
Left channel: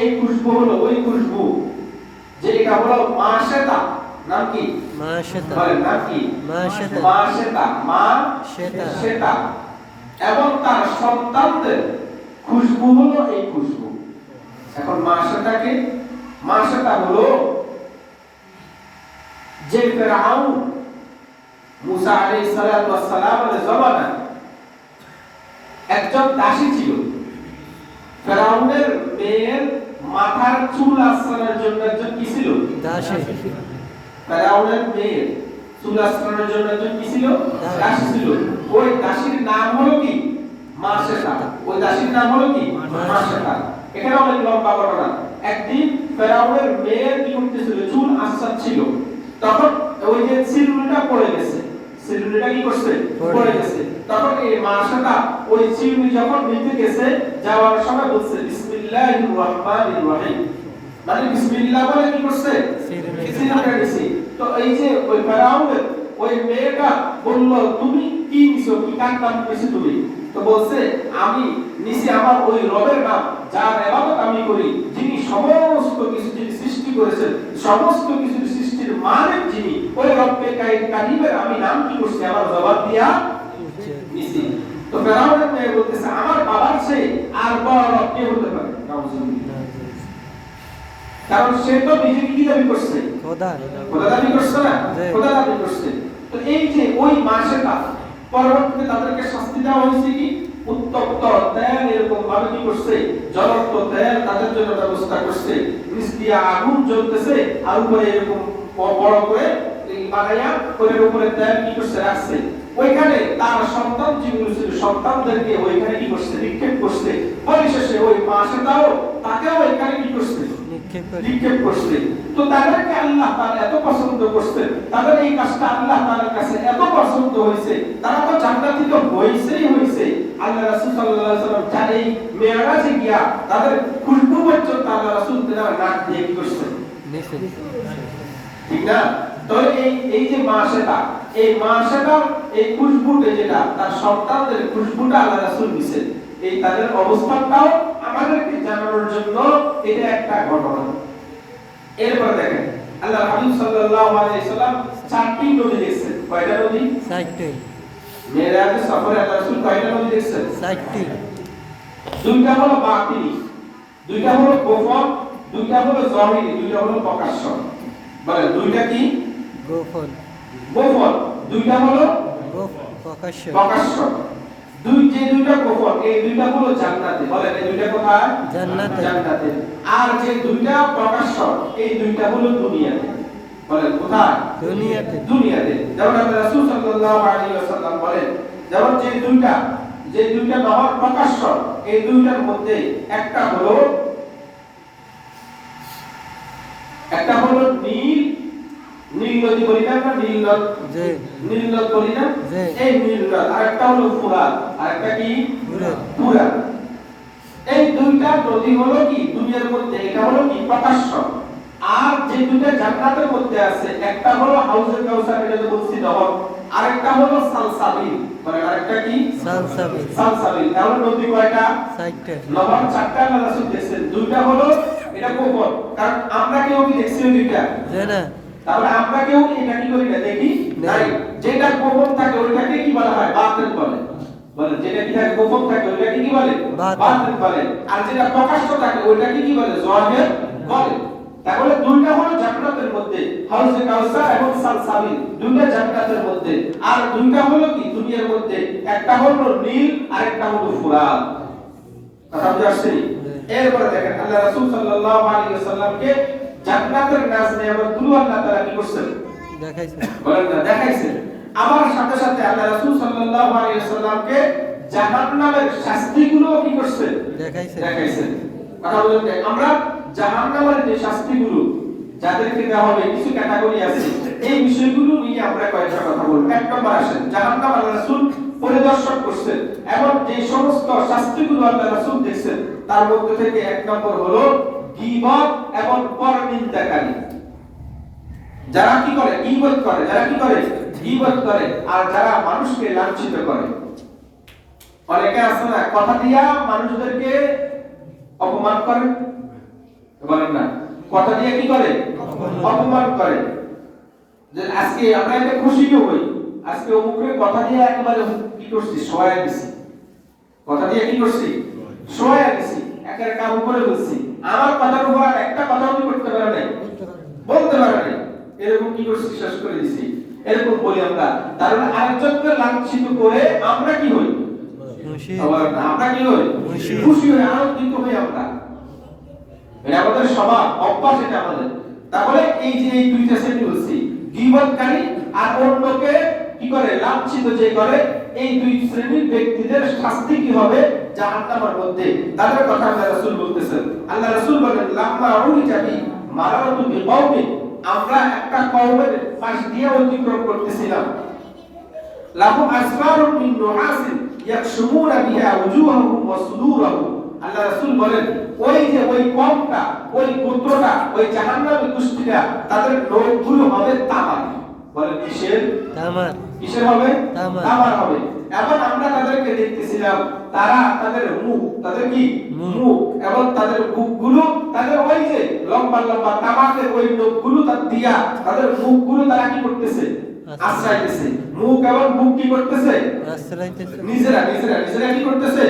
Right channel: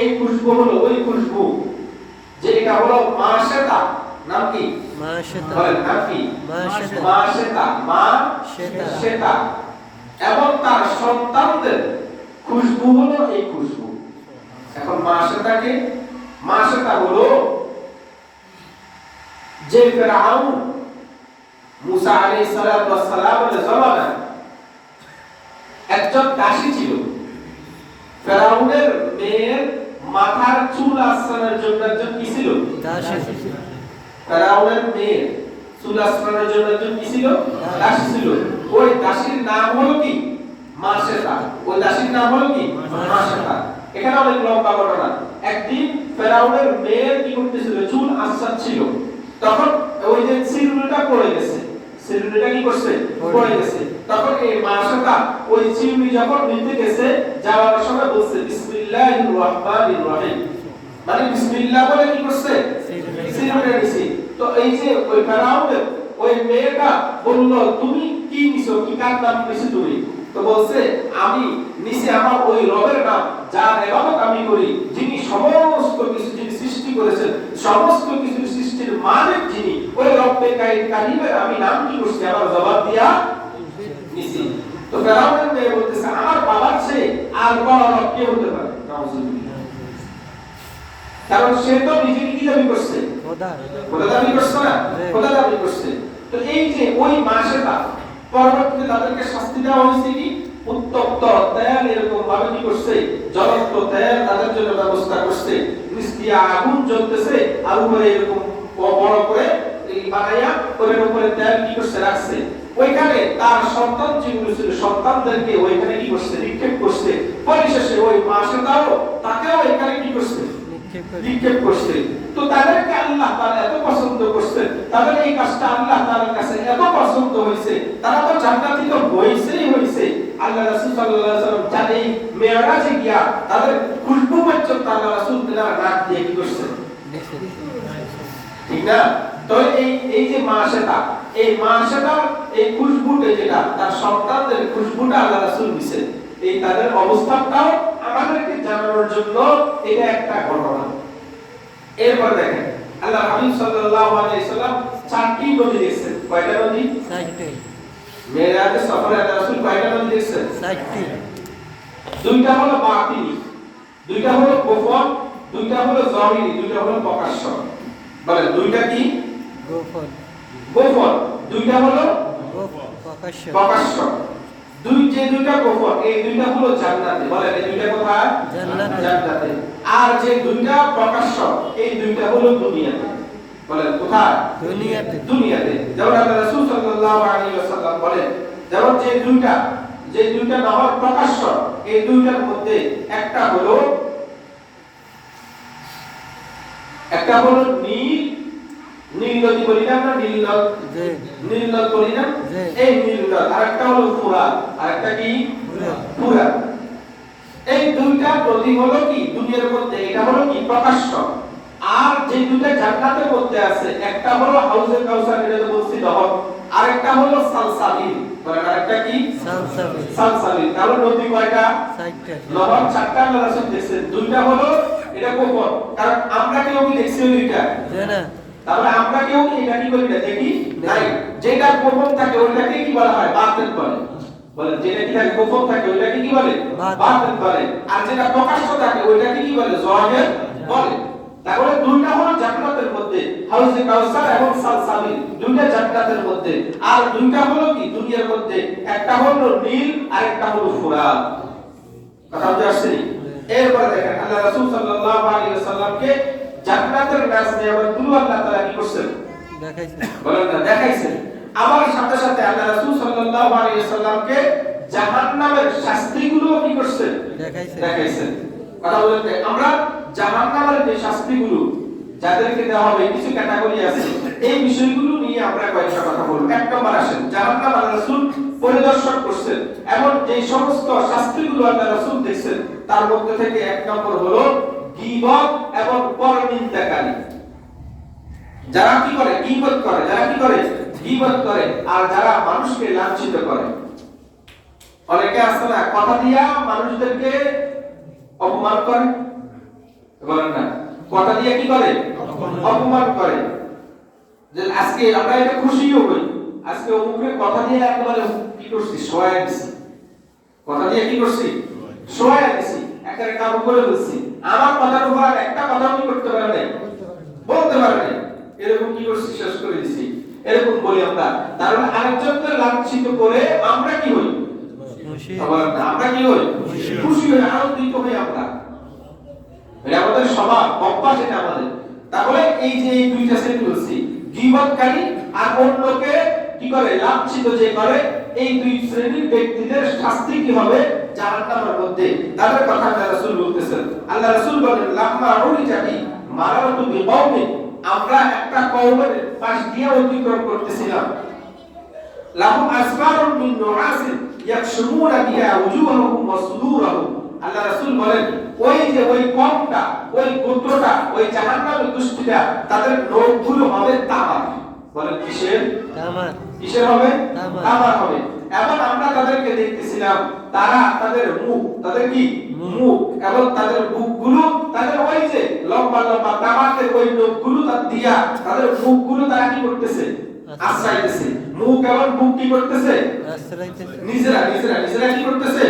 এই খুশবু হলো ওই খুশবু যে এটা হলো মাশাতা। নাম কি? মাশাতা। বলেন নাম কি? মাশাতা। মাশাতা এবং তার সন্তানদের খুশবু হলো এই খুশবু। এখন মাশাতা হলো যে ফেরাউন মুসা আলাইহিস সালামের জমানায় একজন দাসী ছিল। ফেরাউনের মেয়ের মাথার চুল আঁচড়ানোর জন্য একজন কি ছিল? দাসী। ফেরাউনের মেয়ের চুল আঁচড়ানোর জন্য একজন কি ছিল? দাসী ছিল। ওই দাসীর নাম হলো কি? মাশাতা। ওই দাসীর নাম হলো কি? মাশাতা। এখানে অনেক লম্বা ঘটনা। একদিন ফেরাউনের মেয়ের কি করতেছিল? চুল আঁচড়াচ্ছিল। তখন ওই যে চিরুনিটা পড়ে গেছে, চিরুনিটা কি করছে? পড়ে গেছে। তখন এই মাশাতা ওই চিরুনি যখন নিতে গেছে যাওয়ার সময় বলছে বিসমিল্লাহির রহমানির রহিম, মানে বিসমিল্লাহ বলে কি করছে? চিরুনিটা নিছে। তো এই যে ওই ফেরাউনের ওই মেয়েটা বলল তুমি কি নিছো, কি কার নাম নিছো তুমি? তো বলছে আমি নিছি আমার ওই রবের নাম যার ইবাদত আমি করি, যিনি সমস্ত কিছু যিনি সৃষ্টি করেছেন, সমস্ত কিছু সৃষ্টির মালিক যিনি, ওই রব্বে কারিমের আমি নাম কি করছি আমার জবাব দিয়া নিছি। তো ফেরাউন মেয়ে বলতেছে আমার বাবার চেয়ে আর বড় রব কে হতে পারে? কারণ সে তো নিজেকে কি দাবি করছে? খোদা দাবি করছে না? খোদা দাবি করছে। তো এই যে ওই মাসেটা পরবর্তীতে তাদেরকে শাস্তি দেওয়া হয়েছে কি? উত্তপ্ত তেল এরকম ভাবে কি করছে জ্বলন্ত তেল তাদের জন্য ব্যবস্থা করছে নিচ দিয়ে আগুন জ্বলতেছে আর উপরে এরকম বড় করে এই বানাইয়া ওর উপরে তেল কি করছে রাখছে ওইখানে তার সন্তান যেগুলো ছিল সন্তানদেরকে ওইখানে কি করছে নিক্ষেপ করছে পরিশেষে ওই মাসেটাও তাকেও এখানে কি করছে নিক্ষেপ করছে তো তাদেরকে আল্লাহ তাআলা এত পছন্দ করছেন তাদের এই কাজটা আল্লাহ তাআলার কাছে এত পছন্দ হয়েছে তারা তো জান্নাতীকে হইছে আল্লাহ রাসূল সাল্লাল্লাহু আলাইহি ওয়াসাল্লাম জানে মেরাজে গিয়া তাদের খুশবু পর্যন্ত আল্লাহ রাসূল তারা নাক দিয়ে কি করছে ঠিক না তো এই যে মাসেটা এই মাসেটার এই খুশবুটা যেটা তার সন্তানদের খুশবুটা আল্লাহ রাসূল দিয়েছেন এই তাদের অবস্থাটাও আমাদেরকে জানানোর জন্য এটা একটা ঘটনা এরপর দেখেন আল্লাহ হাবিব সাল্লাল্লাহু আলাইহি সাল্লাম চারটি নদী দেখছেন কয়টা নদী চারটি মেরাজে সফরে আল্লাহ রাসূল কয়টা নদী দেখছেন চারটি দুইটা হলো বাতিনি দুইটা হলো গোপন দুইটা হলো জাহিরি দুইটা হলো প্রকাশ্য বলেন দুইটা কি গোপন দুইটা হলো প্রকাশ্য দুইটা গোপন এই দুইটা হলো জান্নাতে বলেন এই দুইটা কোথায় জান্নাতে আর যে দুইটা প্রকাশ্য এই দুইটা হলো দুনিয়াতে বলেন কোথায় দুনিয়াতে যেমন আল্লাহ রাসূল সাল্লাল্লাহু আলাইহি ওয়াসাল্লাম বলেন যেমন যে দুইটা নহর প্রকাশ্য এই দুইটার মধ্যে একটা হলো নীল নদী বলি না আমরা নীল নদ বলি না এই নীল নদ আরেকটা হলো ফুরাত আরেকটা কি ফুরাত এই দুইটা নদী হলো কি দুনিয়ার মধ্যে এটা হলো কি প্রকাশ্য আর যে দুইটা জান্নাতের মধ্যে আছে একটা হলো হাউজে কাউসার এটা তো বলছি নহর আরেকটা হলো সালসাবিল মানে আরেকটা কি সালসাবিল তাহলে নদী কয়টা চারটা নহর চারটা আল্লাহ রাসূল দেখছেন দুইটা হলো এটা গোপন কারণ আমরা কেউ কি দেখছি ওই দুইটা না তাহলে আমরা কেউ এটা কি করি না দেখি নাই যেটা গোপন থাকে ওইটাকে কি বলা হয় বাতিন বলে বলে যেটা কি থাকে গোপন থাকে ওইটাকে কি বলে বাতিন বলে আর যেটা প্রকাশ্য থাকে ওইটাকে কি বলে জাহির বলে তাহলে দুইটা হলো জান্নাতের মধ্যে হাউজে কাউসার এবং সালসাবিল দুইটা জান্নাতের মধ্যে আর দুইটা হলো কি দুনিয়ার মধ্যে একটা হলো নীল আর একটা হলো ফুরাত কথা বুঝতে পারছেন এরপর দেখেন আল্লাহ রাসূল সাল্লাল্লাহু আলাইহি ওয়াসাল্লামকে জান্নাতের নাজ নিয়ামতগুলো আল্লাহ তাআলা কি করছেন দেখাইছেন বলেন না দেখাইছেন আবার সাথে সাথে আল্লাহ রাসূল সাল্লাল্লাহু আলাইহি ওয়াসাল্লামকে জাহান্নামের শাস্তিগুলো কি করছেন দেখাইছেন কথা বলেন আমরা জাহান্নামের যে শাস্তিগুলো যাদেরকে দেওয়া হবে কিছু ক্যাটাগরি আছে এই বিষয়গুলো নিয়ে আমরা কয়েকটা কথা বলবো এক নম্বর আসেন জাহান্নাম আল্লাহ রাসূল পরিদর্শন করছেন এবং যে সমস্ত শাস্তিগুলো আল্লাহ রাসূল দেখছেন তার মধ্যে থেকে এক নম্বর হলো গীবত এবং পরনিন্দাকারী যারা কি করে গীবত করে যারা কি করে গীবত করে আর যারা মানুষকে লাঞ্ছিত করে অনেকে আছে না কথা দিয়া মানুষদেরকে অপমান করে বলেন না কথা দিয়ে কি করে অপমান করে যে আজকে আমরা এটা খুশিও হই আজকে ওমুকে কথা দিয়ে একেবারে কি করছি সহায় দিছি কথা দিয়ে কি করছি সহায় দিছি একেবারে কাম করে বলছি আমার কথার উপর আর একটা কথাও কি করতে পারে নাই বলতে পারে নাই এরকম কি করছি শেষ করে দিছি এরকম বলি আমরা কারণ আরেকজনকে লাঞ্ছিত করে আমরা কি হই খুশি আমরা কি হই খুশি হই আনন্দিত হই আমরা এটা আমাদের স্বভাব অভ্যাস এটা আমাদের তাহলে এই যে এই দুইটা শ্রেণী বলছি গীবতকারী আর অন্যকে কি করে লাঞ্ছিত যে করে এই দুই শ্রেণীর ব্যক্তিদের শাস্তি কি হবে জাহান্নামের মধ্যে তাদের কথা আল্লাহ রাসূল বলতেছেন আল্লাহ রাসূল বলেন লাম্মা উরিজাতি মারারাতু বিকওমি আমরা একটা কওমের পাশ দিয়ে অতিক্রম করতেছিলাম লাহু আসফারুন মিন নুআসিন ইয়াকশুমুনা বিহা উজুহাহুম ওয়া সুদুরাহুম আল্লাহ রাসূল বলেন ওই যে ওই কওমটা ওই গোত্রটা ওই জাহান্নামের দুষ্টিরা তাদের নখগুলো হবে তামার বলেন কিসের হবে তামার হবে এবং আমরা তাদেরকে দেখতেছিলাম তারা তাদের মুখ তাদের কি মুখ এবং তাদের বুকগুলো তাদের ওই যে লম্বা লম্বা তামাকের ওই নখগুলো তার দিয়া তাদের মুখগুলো তারা কি করতেছে আশ্রয়তেছে মুখ এবং বুক কি করতেছে আশ্রয়তেছে নিজেরা কি করতেছে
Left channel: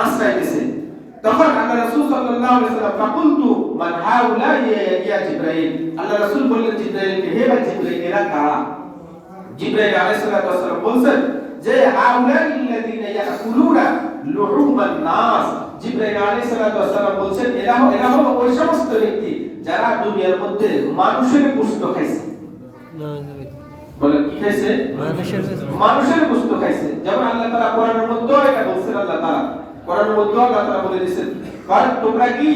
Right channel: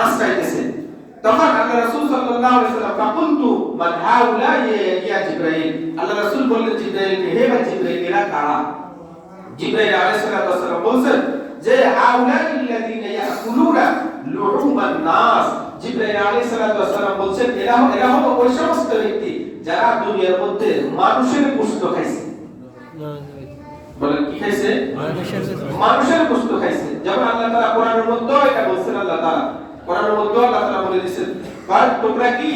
আশ্রয়তেছে তখন আল্লাহ রাসূল সাল্লাল্লাহু আলাইহি ওয়াসাল্লাম ফাকুলতু মান হাউলা ইয়া জিবরাইল আল্লাহ রাসূল বললেন জিবরাইলকে হে ভাই জিবরাইল এরা কারা জিবরাইল আলাইহিস সালাম বলেন যে হাউলা আল্লাযীনা ইয়াকুলুনা লুহুমান নাস জিবরাইল আলাইহিস সালাম বলছেন এরা হলো ওই সমস্ত ব্যক্তি যারা দুনিয়ার মধ্যে মানুষের গোশত খাইছে। বলেন কি খাইছে? মানুষের গোশত খাইছে। যেমন আল্লাহ তাআলা কোরআনের মধ্যে এটা বলছেন, আল্লাহ তাআলা কোরআনের মধ্যে আল্লাহ তাআলা বলে দিয়েছেন, কারণ তোমরা কি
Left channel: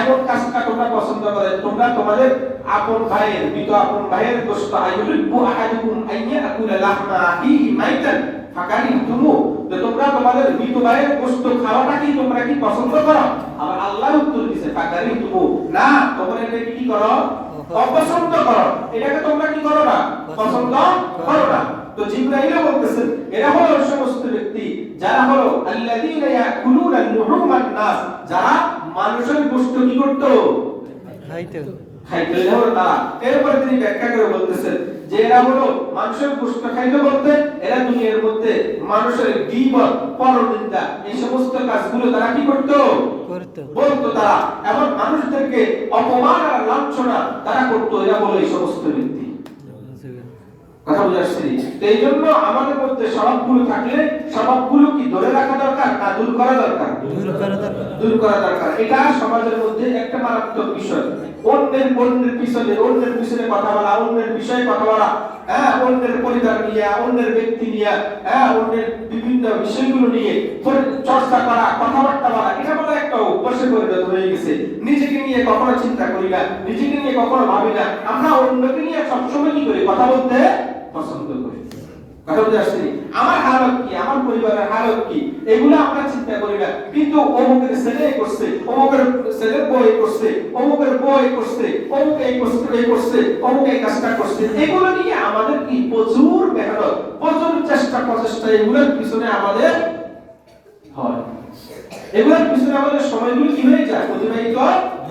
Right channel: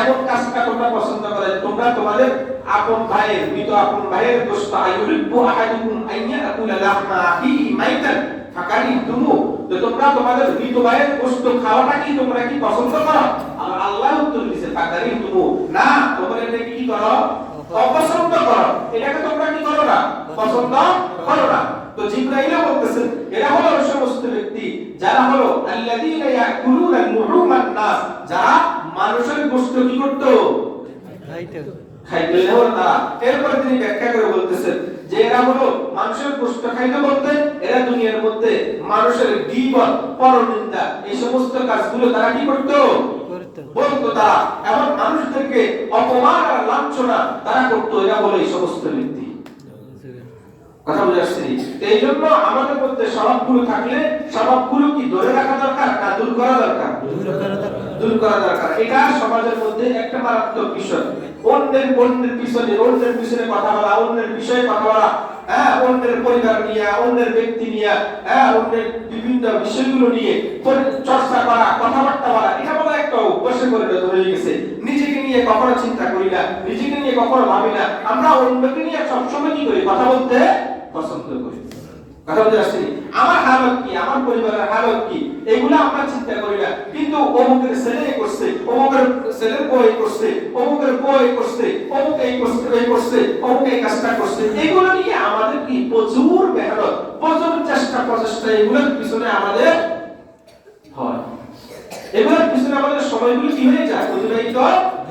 এমন কাজটা তোমরা পছন্দ করো, তোমরা তোমাদের আপন ভাইয়ের মৃত আপন ভাইয়ের গোশত আইয়ুরিবু আহাদুকুম আইয়াকুলা লাহমা আখিহি মাইতান ফাকারিহতুমু, তো তোমরা তোমাদের মৃত ভাইয়ের গোশত খাওয়াটা কি তোমরা কি পছন্দ করো? আর আল্লাহ উত্তর দিয়েছে ফাকারিহতুমু, না তোমরা এটা কি করো? অপছন্দ করো। এটাকে তোমরা কি করো না? পছন্দ করো না। তো জিবরাইল বলতেছেন এরা হলো ওই সমস্ত ব্যক্তি যারা হলো আল্লাযীনা ইয়াকুলুনা লুহুমান নাস, যারা মানুষের গোশত কি করত? খাইতে তারা। এরপরে তিনি ব্যাখ্যা করে বলতেছেন যে এরা হলো মানুষের গোশত খাইতে বলতে এরা দুনিয়ার মধ্যে মানুষের গীবত, পরনিন্দা, এই সমস্ত কাজগুলো তারা কি করত? বলতো তারা, এবং মানুষদেরকে অপমান আর লাঞ্ছনা তারা করতো। এরা হলো এই সমস্ত ব্যক্তি। কথা বুঝে আসছে? তো এই জন্য আমাদের মধ্যে স্বভাবগুলো থাকলে স্বভাবগুলো কি ধরে রাখা দরকার না দূর করা দরকার? দূর করা দরকার। এটা সমাজের মধ্যে একটা মারাত্মক বিষয়। অন্যের পিছনে কথা বলা, অন্যের বিষয়ে কথা বলা, অন্যের পরিবার নিয়ে, অন্যের ব্যক্তি নিয়ে, অন্যের বিভিন্ন বিষয়গুলো নিয়ে চর্চা করা, কথাবার্তা বলা, এটা বলা একটা অভ্যাসে পরিণত হয়ে গেছে। নিজেকে নিয়ে কখনো চিন্তা করি না, নিজেকে নিয়ে কখনো ভাবি না। আমরা অন্যকে নিয়ে সবসময় কি করি? কথা বলতে পছন্দ করি। কথা বুঝে আসছে? আমার হালত কি, আমার পরিবারের হালত কি, এগুলো আমরা চিন্তা করি না। কিন্তু অমুকের ছেলে করছে, অমুকের ছেলের বউ করছে, অমুকের বউ করছে, অমুক এই করছে, অমুক এই কাজটা করছে, এগুলো নিয়ে আমাদের কি প্রচুর মেহনত, প্রচুর প্রচেষ্টা এগুলোর পিছনে আমাদের হয়। এগুলোর পিছনে আমাদের সময়গুলো কি হয়ে যায়? অতিবাহিত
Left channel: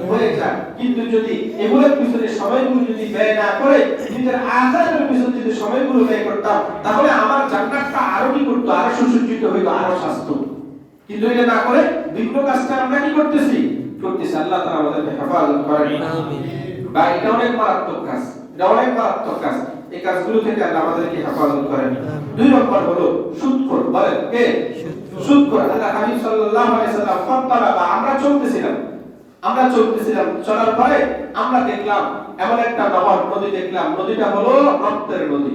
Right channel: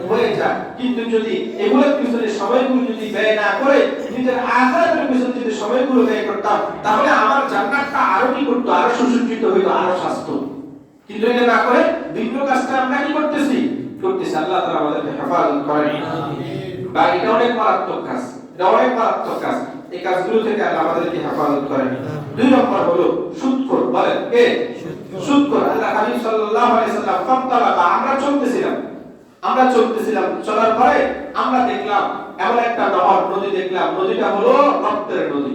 হয়ে যায়। কিন্তু যদি এগুলোর পিছনে সময়গুলো যদি ব্যয় না করে নিজের আখিরাতের পিছনে যদি সময়গুলো ব্যয় করতাম, তাহলে আমার জান্নাতটা আরো কি করতো? আরো সুসজ্জিত হইতো, আরো স্বাস্থ্য। কিন্তু এটা না করে ভিন্ন কাজটা আমরা কি করতেছি? আল্লাহ তাআলা আমাদেরকে হেফাজত করেন। বা এটা অনেক মারাত্মক কাজ, এটা অনেক মারাত্মক কাজ। এই কাজগুলো থেকে আল্লাহ আমাদেরকে হেফাজত করেন। 2 নম্বর হলো সুদখোর। বলেন কে? সুদখোর। আল্লাহ হাবিব সাল্লাল্লাহু আলাইহি সাল্লাম ফাত্তালাবা, আমরা চলতেছিলাম, চলার পরে আমরা দেখলাম এমন একটা নদী দেখলাম। নদীটা হলো রক্তের নদী।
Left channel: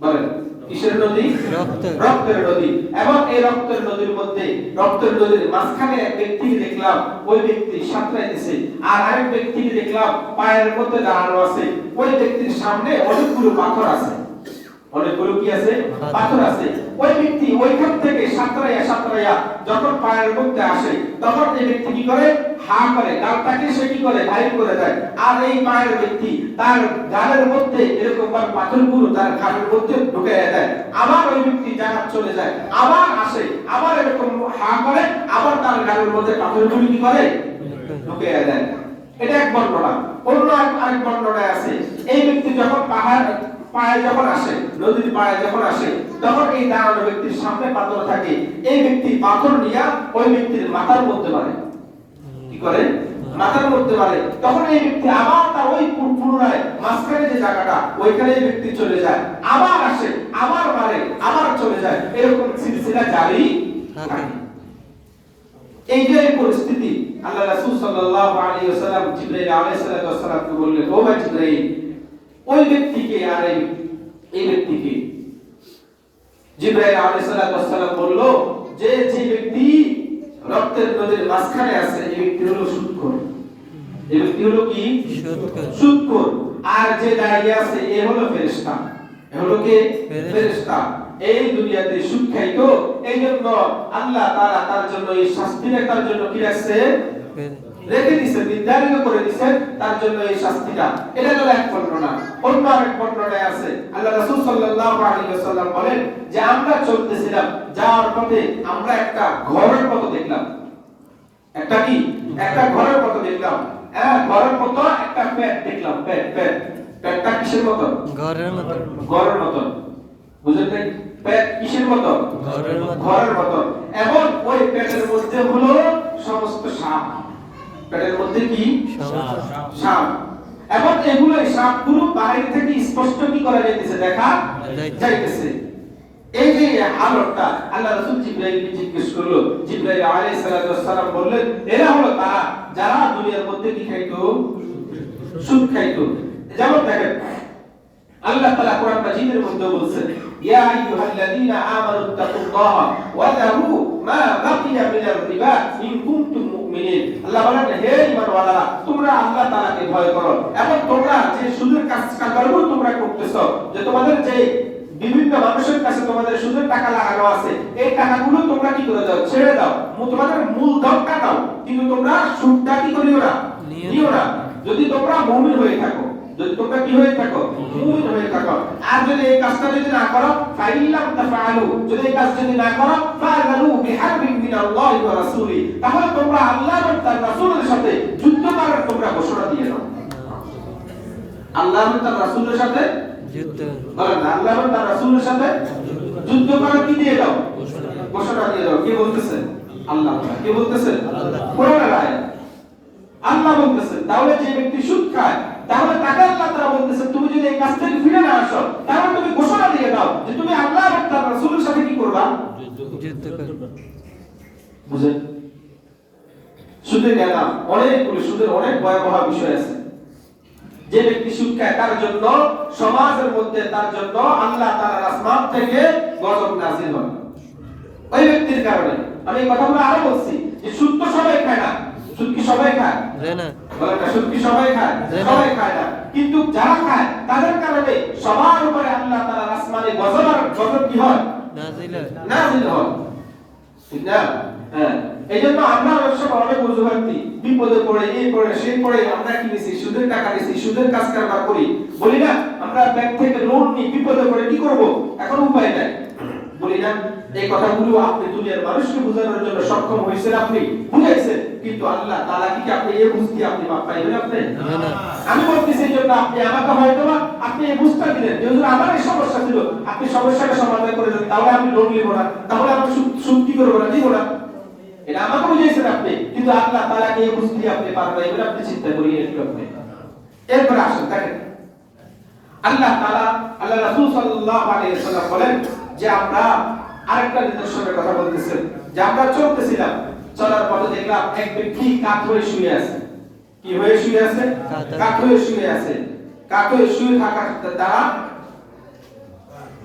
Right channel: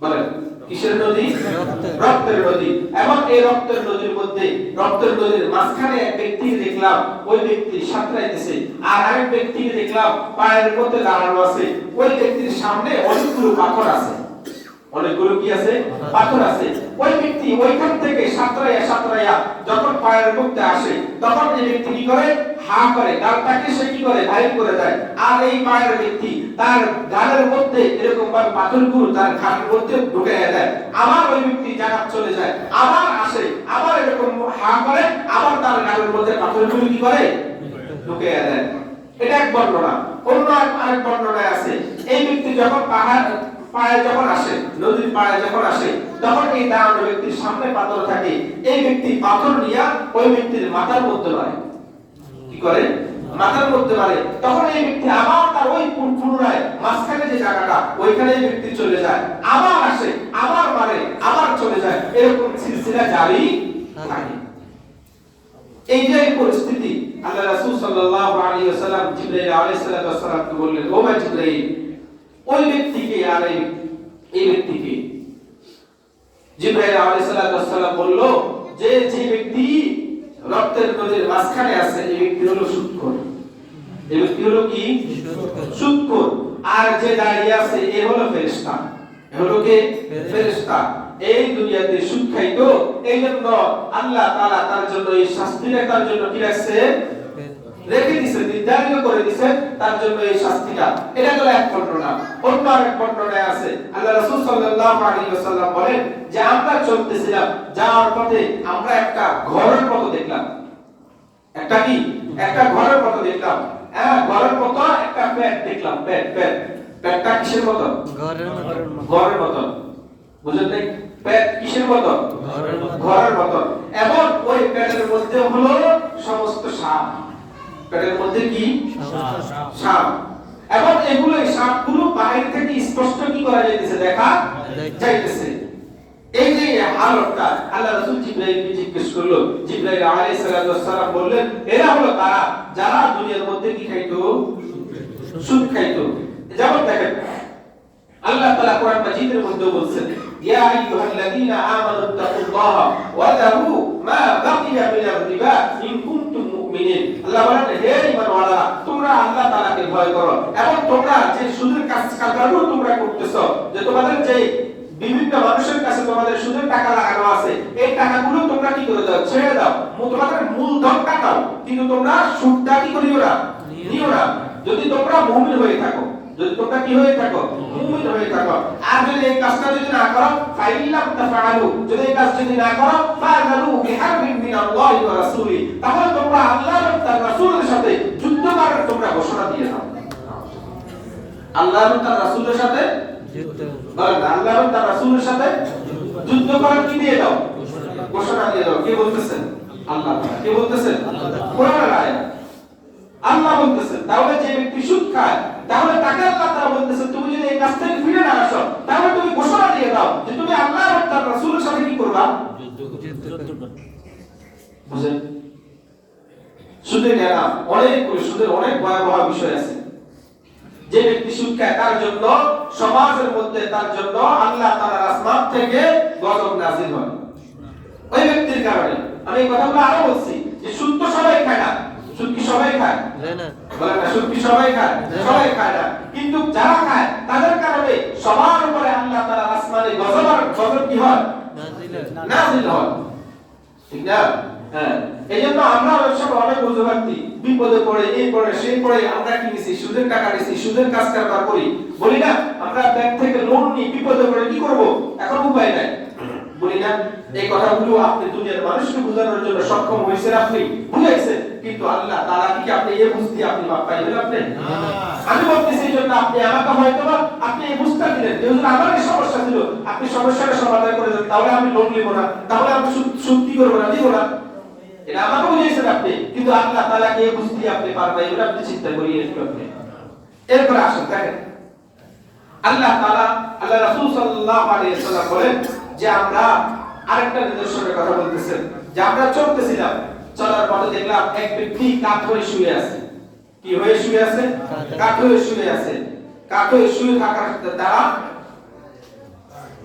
বলেন কিসের নদী? রক্তের নদী। এবং এই রক্তের নদীর মধ্যে, রক্তের নদীর মাঝখানে এক ব্যক্তিকে দেখলাম, ওই ব্যক্তি সাঁতরাইতেছে। আর আরেক ব্যক্তিকে দেখলাম পায়ের মধ্যে দাঁড়ানো আছে। ওই ব্যক্তির সামনে অনেকগুলো পাথর আছে। অনেকগুলো কি আছে? পাথর আছে। ওই ব্যক্তি ওইখান থেকে সাঁতরাইয়া যখন পায়ের মধ্যে আসে, তখন এই ব্যক্তি কি করে? হা করে, গালটাকে সে কি করে? বাইর করে দেয়। আর এই পায়ের ব্যক্তি তার গালের মধ্যে এরকম ভাবে পাথরগুলো তার ঘাড়ের মধ্যে ঢুকিয়ে দেয়। আবার ওই ব্যক্তি জান্নাত চলে যায়, আবার আসে, আবার এরকম হা করে, আবার তার গালের মধ্যে পাথরগুলো কি করে? ঢুকিয়ে দেয়। এটা এক বর্ণনা। অন্য আরেক বর্ণনায় আছে এই ব্যক্তি যখন পায়ে যখন আসে, নদীর পায়ে যখন আসে, তখন এই দাঁড়ানো ব্যক্তির সামনে পাথর থাকে। এই ব্যক্তি পাথর নিয়ে ওই ব্যক্তির মাথার মধ্যে মারে। কি করে? মাথার মধ্যে মারে। তখন এই ব্যক্তি আবার তার ওই পুনরায় মাঝখানে যে জায়গাটা, ওইখানে এই ব্যক্তি চলে যায়, আবার আসে, আবার মারে, আবার চলে যায়। এরকম সিলসিলা জারি থাকে। এই যে পরিস্থিতি, আল্লাহ রাসূল সাল্লাল্লাহু আলাইহি ওয়াসাল্লাম জিবরাইল আলাইহিস সালামকে বললেন, ও ভাই জিবরাইল, ওই ব্যক্তিকে আর এই ব্যক্তিকে। জিবরাইল আলাইহিস সালাম বলল যে ব্যক্তি রক্তের নদীর মাঝখানে আছে, এই ব্যক্তি হলো সুদখোর। এই ব্যক্তি হলো কি? সুদখোর। আর যে দাঁড়িয়ে আছে এ হলো ফেরেশতা। এ হলো কে? ফেরেশতা। এই দুনিয়াতে সুদ খাইতো, এই জন্য আল্লাহ তাআলা তার জন্য এই শাস্তিটা তার জন্য কি রাখছে? রেখে দিয়েছে, নির্ধারিত করে দিয়েছে তার জন্য এই শাস্তিটা। এটা হলো এক বর্ণনা। অন্য আরেক বর্ণনায় আছে আল্লাহ রাসূল সাল্লাল্লাহু আলাইহি ওয়াসাল্লাম বলেন যে আমরা চলতেছিলাম, যাওয়ার পথে আমরা একটা ঘরের মতো দেখলাম। একটা কি? একটা ঘরের মতো দেখলাম। ঘরের মতো একটা পেট দেখলাম। পেটটা কিসের মতো? ঘরের মতো। বুঝলেন? পেট কিসের মতো? ঘরের মতো। এবং ওই পেটের মধ্যে হলো সমস্ত সাপ। পেটের মধ্যে কি? সাপ। এবং এগুলো সাপগুলো বাইরে থেকে স্পষ্ট কি করা যাইতেছে? দেখা যাইতেছে। এই যে হালতটা আল্লাহ রাসূল জিবরাইলকে জিজ্ঞেস করলো, জিবরাইল আলাইহিস সালাম বললেন এরা হলো তারা যারা দুনিয়ার মধ্যে কি খাইতো? সুদ খাইতো। যেমন দেখেন আল্লাহ তাআলা কোরআন মাজিদের মধ্যে বলছেন ইয়া আইয়ুহাল্লাযীনা আমানু তাকুল্লাহা ওয়া যারু মা বাকিয়া মিনার রিবা ইন কুনতুম মুমিনিন। আল্লাহ বলেন হে ঈমানওয়ালারা তোমরা আল্লাহ তাআলাকে ভয় করো এবং তোমরা যে সুদের কাজগুলো তোমরা করতেছো, যে তোমাদের যে বিভিন্ন মানুষের কাছে তোমাদের সুদের টাকা লাগানো আছে, এই টাকাগুলো তোমরা কি করে দাও? ছেড়ে দাও। তোমাদের মূলধনটা দাও, কিন্তু তোমরা সুদটা কি করিও না, নিও না। যদি তোমরা মুমিন হয়ে থাকো, যদি তোমরা কি হয়ে থাকো? মুমিন হয়ে থাকো। আর যদি এই কাজটা যদি না করো, ফাইলাম তাফআলু, যদি এই কাজ যদি না করো, ফাযালু বিহারবিন মিনাল্লাহি ওয়া রাসূলি, তাহলে তোমরা আল্লাহ এবং তার রাসূলের সাথে যুদ্ধ করার তোমরা ঘোষণা দিয়ে দাও। আল্লাহ এবং তার রাসূলের সাথে যুদ্ধ, বলেন আল্লাহ এবং তার রাসূলের সাথে যুদ্ধ করার কি দিয়ে দাও? ঘোষণা দিয়ে দাও। কে বলতেছেন? আল্লাহ। কে বলতেছেন? কোরআনের আয়াত। আল্লাহ বলতেছেন তাহলে যে ব্যক্তি সুদ খায়, তাহলে তাকে আল্লাহ তাআলা বলতেছেন তুমি যদি এই কাজ থেকে ফিরে না আসো, তাহলে তুমি ঘোষণা দিয়ে দাও যে তুমি আল্লাহ এবং তার রাসূলের সাথে কি করবা? যুদ্ধ করবা। বুঝেন? সুদের অনেক ভয়াবহ বিষয় আছে। যে ব্যক্তি সুদ খায় তার জন্য সমাজের মধ্যে তার জন্য আল্লাহ তাআলার আসমান থেকে গজব নাযিল হয়। ওই ব্যক্তির কারণে আমি এই কথাগুলো আরো বলছি যে সুদ তো সবাই খায় না। সুদ কি সবাই খায়? না। বলেন না সুদ কি সবাই খায়? সবাই খায় না। কিন্তু যারা খায় তাদের কারণে সবার উপরে আল্লাহ তাআলার আসমানে গজব কি হয়? নাযিল হয়। ঠিক না? হ্যাঁ। এইজন্য আমরা অনেক অজুহাতি বিপদে পড়ে এই পড়ে সেই পড়ে আমরা কি নিছি? সুদের টাকা নিছি, সুদের কাজ কারবার করি। বলি না আমরা ব্যাংক থেকে লোন নিই, বিপদে পড়ে কি করব? এখন উপায় নাই। বলি না এই কথাগুলো আপনি দুনিয়ার মানুষকে বোঝানোর জন্য সক্ষম হয়েছেন, আপনি বুঝাইছেন, কিন্তু আল্লাহ তাআলা কি আপনি এই বুঝতে আপনি মাপ পাইবেন? আপনি না। আমি বলতেছি এই জন্য আপনি আমাকে হয়তোবা আপনি এই বুঝটা দিলেন যে হুজুর আমার এই সমস্যা ছিল, আপনি সমস্যাটা সমাধান করে দেন, তাহলে আমি লোন নিব না, তাহলে আমি সুদ কি করব না, দিব না। এটা আমাকে বুঝাইছেন আপনি, কিন্তু আল্লাহ তাআলাকে এই বুঝতে আপনি পারবেন, এটা আপনি চিন্তা করিয়ে দেখবেন। এরপর আসুন দেখেন আল্লাহ তাআলা আল্লাহ রাসূল সাল্লাল্লাহু আলাইহি ওয়াসাল্লাম বলেন যে আমরা আরেকটা নিদর্শনের কথা বলতেছেন যে আমরা চলতেছিলাম, চলার পথে দেখলাম এক ব্যক্তি কাত হয়ে শুয়ে আছে। কি হয়ে শুয়ে আছে? কাত হয়ে শুয়ে আছে। কাত হয়ে শুয়ে থাকার দ্বারা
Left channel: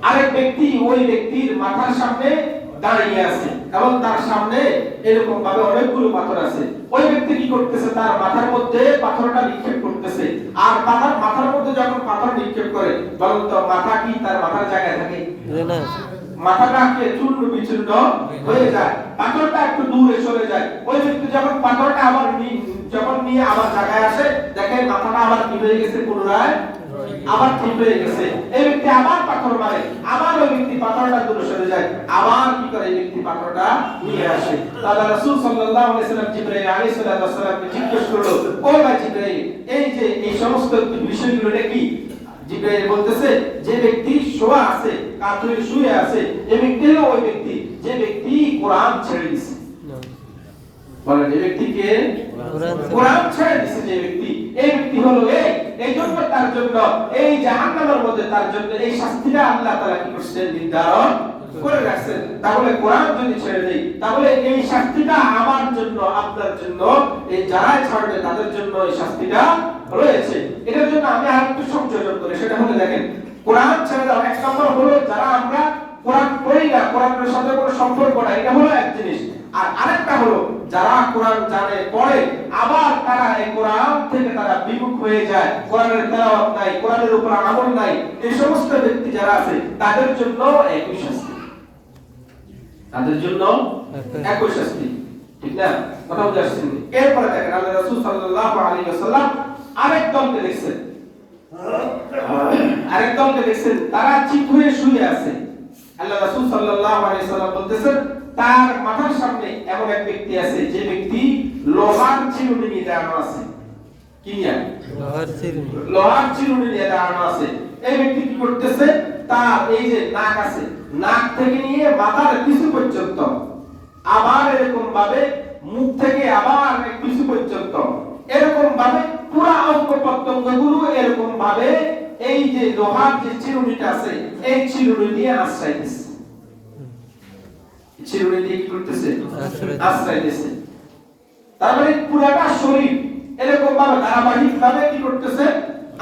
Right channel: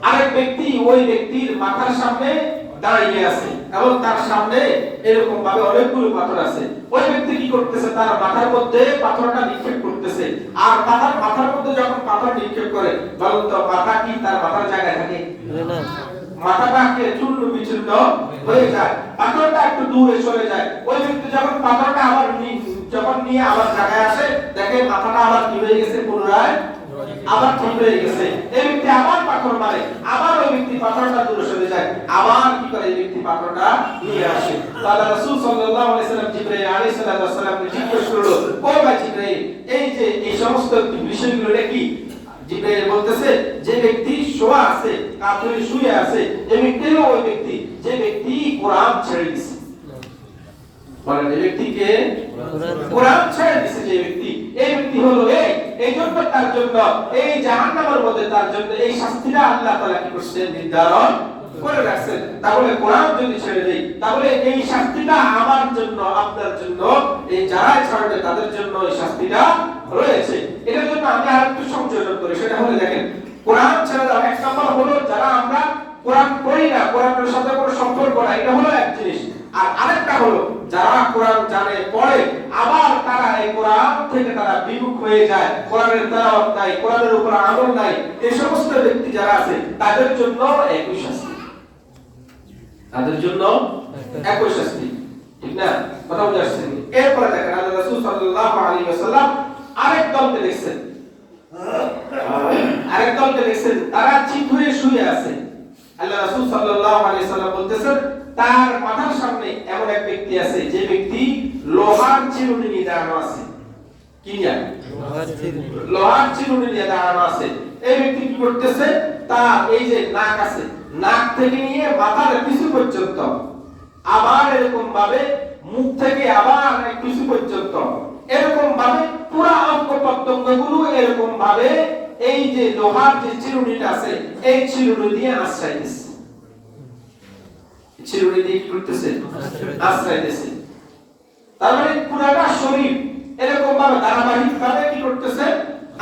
আরেক ব্যক্তি ওই ব্যক্তির মাথার সামনে দাঁড়িয়ে আছে এবং তার সামনে এরকম ভাবে অনেকগুলো পাথর আছে। ওই ব্যক্তি কি করতেছে? তার মাথার মধ্যে পাথরটা নিক্ষেপ করতেছে। আর মাথার মধ্যে যখন পাথর নিক্ষেপ করে, বলুন তো মাথা কি তার মাথার জায়গায় থাকে? না। মাথাটা কি চূর্ণ বিচূর্ণ হয়ে যায়, পাথরটা একটু দূরে সরে যায়। ওই ব্যক্তি যখন পাথরটা আবার নিয়ে আবার জায়গায় আসে, দেখে মাথাটা আবার কি হয়ে গেছে, পুনরায় আবার ঠিক হয়ে গেছে। এই ব্যক্তি আবার পাথর মারে, আবার ওই ব্যক্তি পাথরটা দূরে সরে যায়, আবার কি করে এই ব্যক্তি পাথরটা নিয়ে আসে। তাহলে রাসূল সাল্লাল্লাহু আলাইহি ওয়াসাল্লাম জিবরাইল আলাইহিস সালামকে জিজ্ঞেস করলো, ও ভাই জিবরাইল এই যে এই সমস্ত বিষয়গুলো কি? জিবরাইল বলতেছে যে ব্যক্তি শোয়া আছে, কাত হয়ে শুয়ে আছে, এই ব্যক্তি হলো ওই ব্যক্তি যে ব্যক্তি কোরআন ছেড়ে দিয়েছে। বলেন এই ব্যক্তিকে কোরআন ছেড়ে দিয়েছে যে ব্যক্তি, এই ব্যক্তি হলো এই জন্য তার জন্য এই জাহান্নামের মধ্যে তার জন্য এই শাস্তিটা আল্লাহ তাআলা কি করছেন? নির্ধারণ করে রাখছেন। তাহলে কোরআন যদি ছেড়ে দেই, তাহলে এই শাস্তিটা আমার জন্য, আপনার জন্য, এই যারা ছাড়বে তাদের জন্য এই শাস্তিটা রয়েছে। এটার জন্য আমি আরেকটু সংযোজন করি, সেটা হলো দেখেন কোরআন ছেড়ে দাও। এক নম্বর হলো যারা আমরা কোরআন পড়ি না, কোরআনের সাথে কোনো সম্পর্ক নাই, এটা হলো এক জিনিস। আর আরেকটা হলো যারা কোরআন জানে, পড়ে, আবার তারা এই কোরআন থেকে তারা বিমুখ হয়ে যায়, কোরআনের তেলাওয়াত নাই, কোরআনের উপর আমল নাই, এই সমস্ত ব্যক্তি যারা আছে তাদের জন্য একই শাস্তি, তাদের জন্য একই শাস্তি। ঠিক না? কথা বুঝে আসছে? এরপরে দেখেন আল্লাহ রাসূল সাল্লাল্লাহু আলাইহি ওয়াসাল্লাম আরেক দলকে দেখছেন, তারা চিত হয়ে শুয়ে আছে। আল্লাহ রাসূল সাল্লাল্লাহু আলাইহি ওয়াসাল্লাম বলতেছেন তার মাথার সামনে এমন এক ব্যক্তি আছে যে ব্যক্তি লোহার চিরুনি নিয়ে দাঁড়ানো আছে। কি নিয়ে? লোহার চিরুনি নিয়ে দাঁড়ানো আছে। এই ব্যক্তি কি করতেছে? তার এই যে নাক আছে, নাক থেকে নিয়ে মাথার কিছু পর্যন্ত, আবার এরকম ভাবে মুখ থেকে আবার কিছু পর্যন্ত, এরকম ভাবে পুরো অঙ্গ প্রত্যঙ্গগুলো এরকম ভাবে এই যে লোহার যে চিরুনিটা আছে এই চিরুনি দিয়ে আশ্রয় দিচ্ছে। চিরুনি দিয়ে কি করতেছে আশ্রয় দিতেছে তার মানে পুরোটা শরীর এরকম ভাবে ধারাবাহিক ভাবে কি করতেছে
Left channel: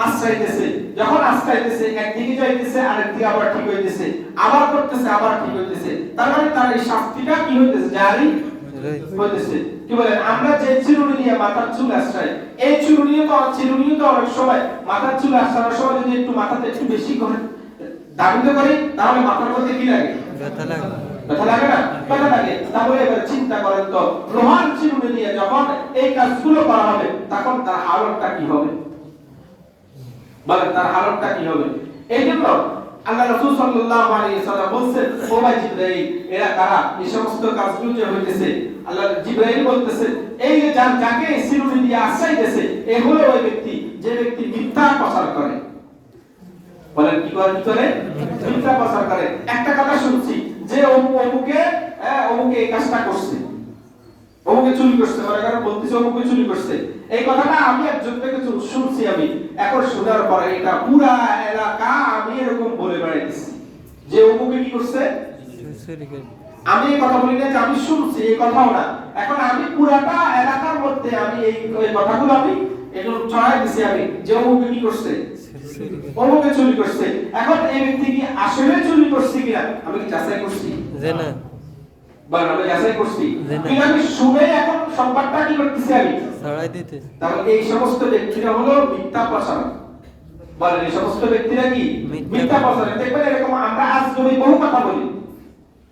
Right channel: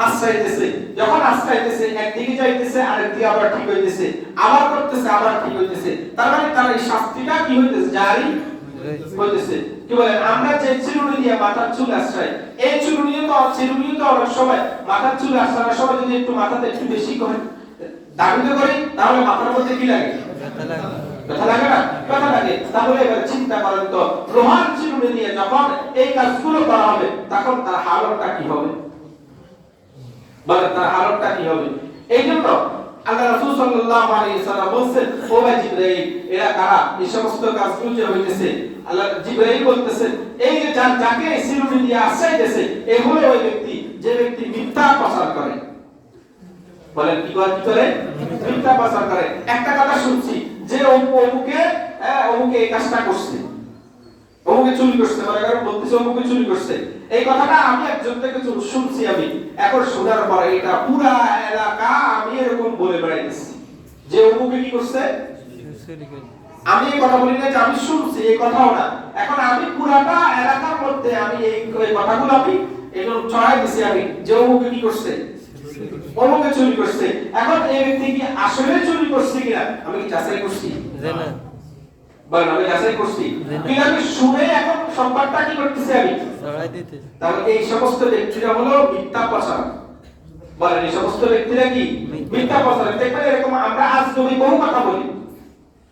আশ্রয় দিতেছে যখন আশ্রয় দিতেছে একদিকে যাইতেছে আরেকদিকে আবার ঠিক হইতেছে আবার করতেছে আবার ঠিক হইতেছে তার মানে তার এই শাস্তিটা কি হইতেছে জারি হইতেছে কি বলে আমরা যে চিরুনি দিয়ে মাথার চুল আশ্রয় এই চিরুনিও তো অনেক সময় মাথার চুল আশ্রয়ের সময় যদি একটু মাথাতে একটু বেশি করে দাবিতে করি তাহলে মাথার মধ্যে কি লাগে ব্যথা লাগে না ব্যথা লাগে তাহলে এবার চিন্তা করেন তো লোহার চিরুনি দিয়ে যখন এই কাজগুলো করা হবে তখন তার হালতটা কি হবে বলেন তার হালতটা কি হবে এই জন্য আল্লাহ রাসূল সাল্লাল্লাহু আলাইহি সাল্লাম বলেন ও ভাই জিবরাইল এরা কারা এই সমস্ত কাজগুলো যে হইতেছে আল্লাহ জিবরাইল বলতেছেন এই যে যাকে চিরুনি দিয়ে আশ্রয় দিয়েছে এই হলো ওই ব্যক্তি যে ব্যক্তি মিথ্যা প্রচার করে বলেন কি করে মিথ্যা প্রচার করে একটা কথা শুনছি যে অমুকে এই কাজটা করছে অমুকে চুরি করছে বলাকার বলতেছে অমুকে চুরি করছে এই কথাটা আমি একজন থেকে শুনছি আমি এখন শোনার পরে এটা পুরা এলাকা আমি এরকম বলে বেড়াইতেছি যে অমুকে কি করছে আমি এই কথা বলি না যে আমি শুনছি এই কথাও না এখন আমি পুরাটা এলাকার মধ্যে আমি এই কথাগুলো আমি এগুলো ছড়াই দিছি আমি যে অমুকে কি করছে অমুকে চুরি করছে এখন এই ব্যক্তি কি আসলে চুরি করছে কিনা আমি কি যাচাই করছি না বলেন আমি যাচাই করছি কিন্তু আমি শুনে এখন সংবাদটা কি করতেছি আমি ছড়াই দিতে তাহলে এই সমস্ত ব্যক্তিরা হলো মিথ্যা প্রচার বলেন এই সমস্ত ব্যক্তিরা কি মিথ্যা প্রচার দেখবেন এরকম আমরা আজ নবী বহু কথা বলি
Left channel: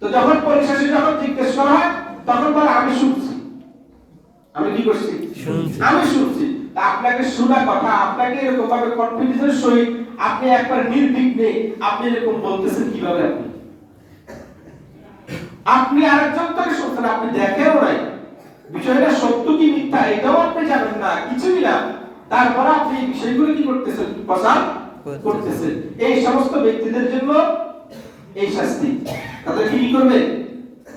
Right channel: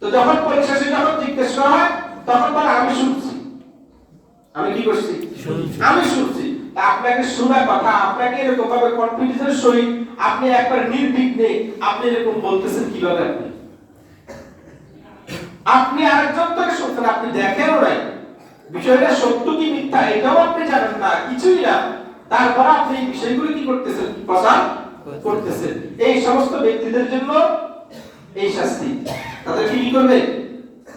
তো যখন পরিশেষে যখন জিজ্ঞেস করা হয় তখন বলে আমি শুনছি আমি কি করছি আমি শুনছি আপনাকে শোনা কথা আপনাকে এরকম ভাবে কনফিডেন্সের সহিত আপনি একবার নির্বিঘ্নে আপনি এরকম বলতেছেন কিভাবে আপনি আরেকজন থেকে শুনছেন আপনি দেখেনও নাই বিষয়টা সত্য কি মিথ্যা এটাও আপনি জানেন না কিছুই না তারপর আপনি এই বিষয়গুলো কি করতেছেন প্রচার করতেছেন এই সমস্ত ব্যক্তিদের জন্য এই শাস্তি তাদের কি করবে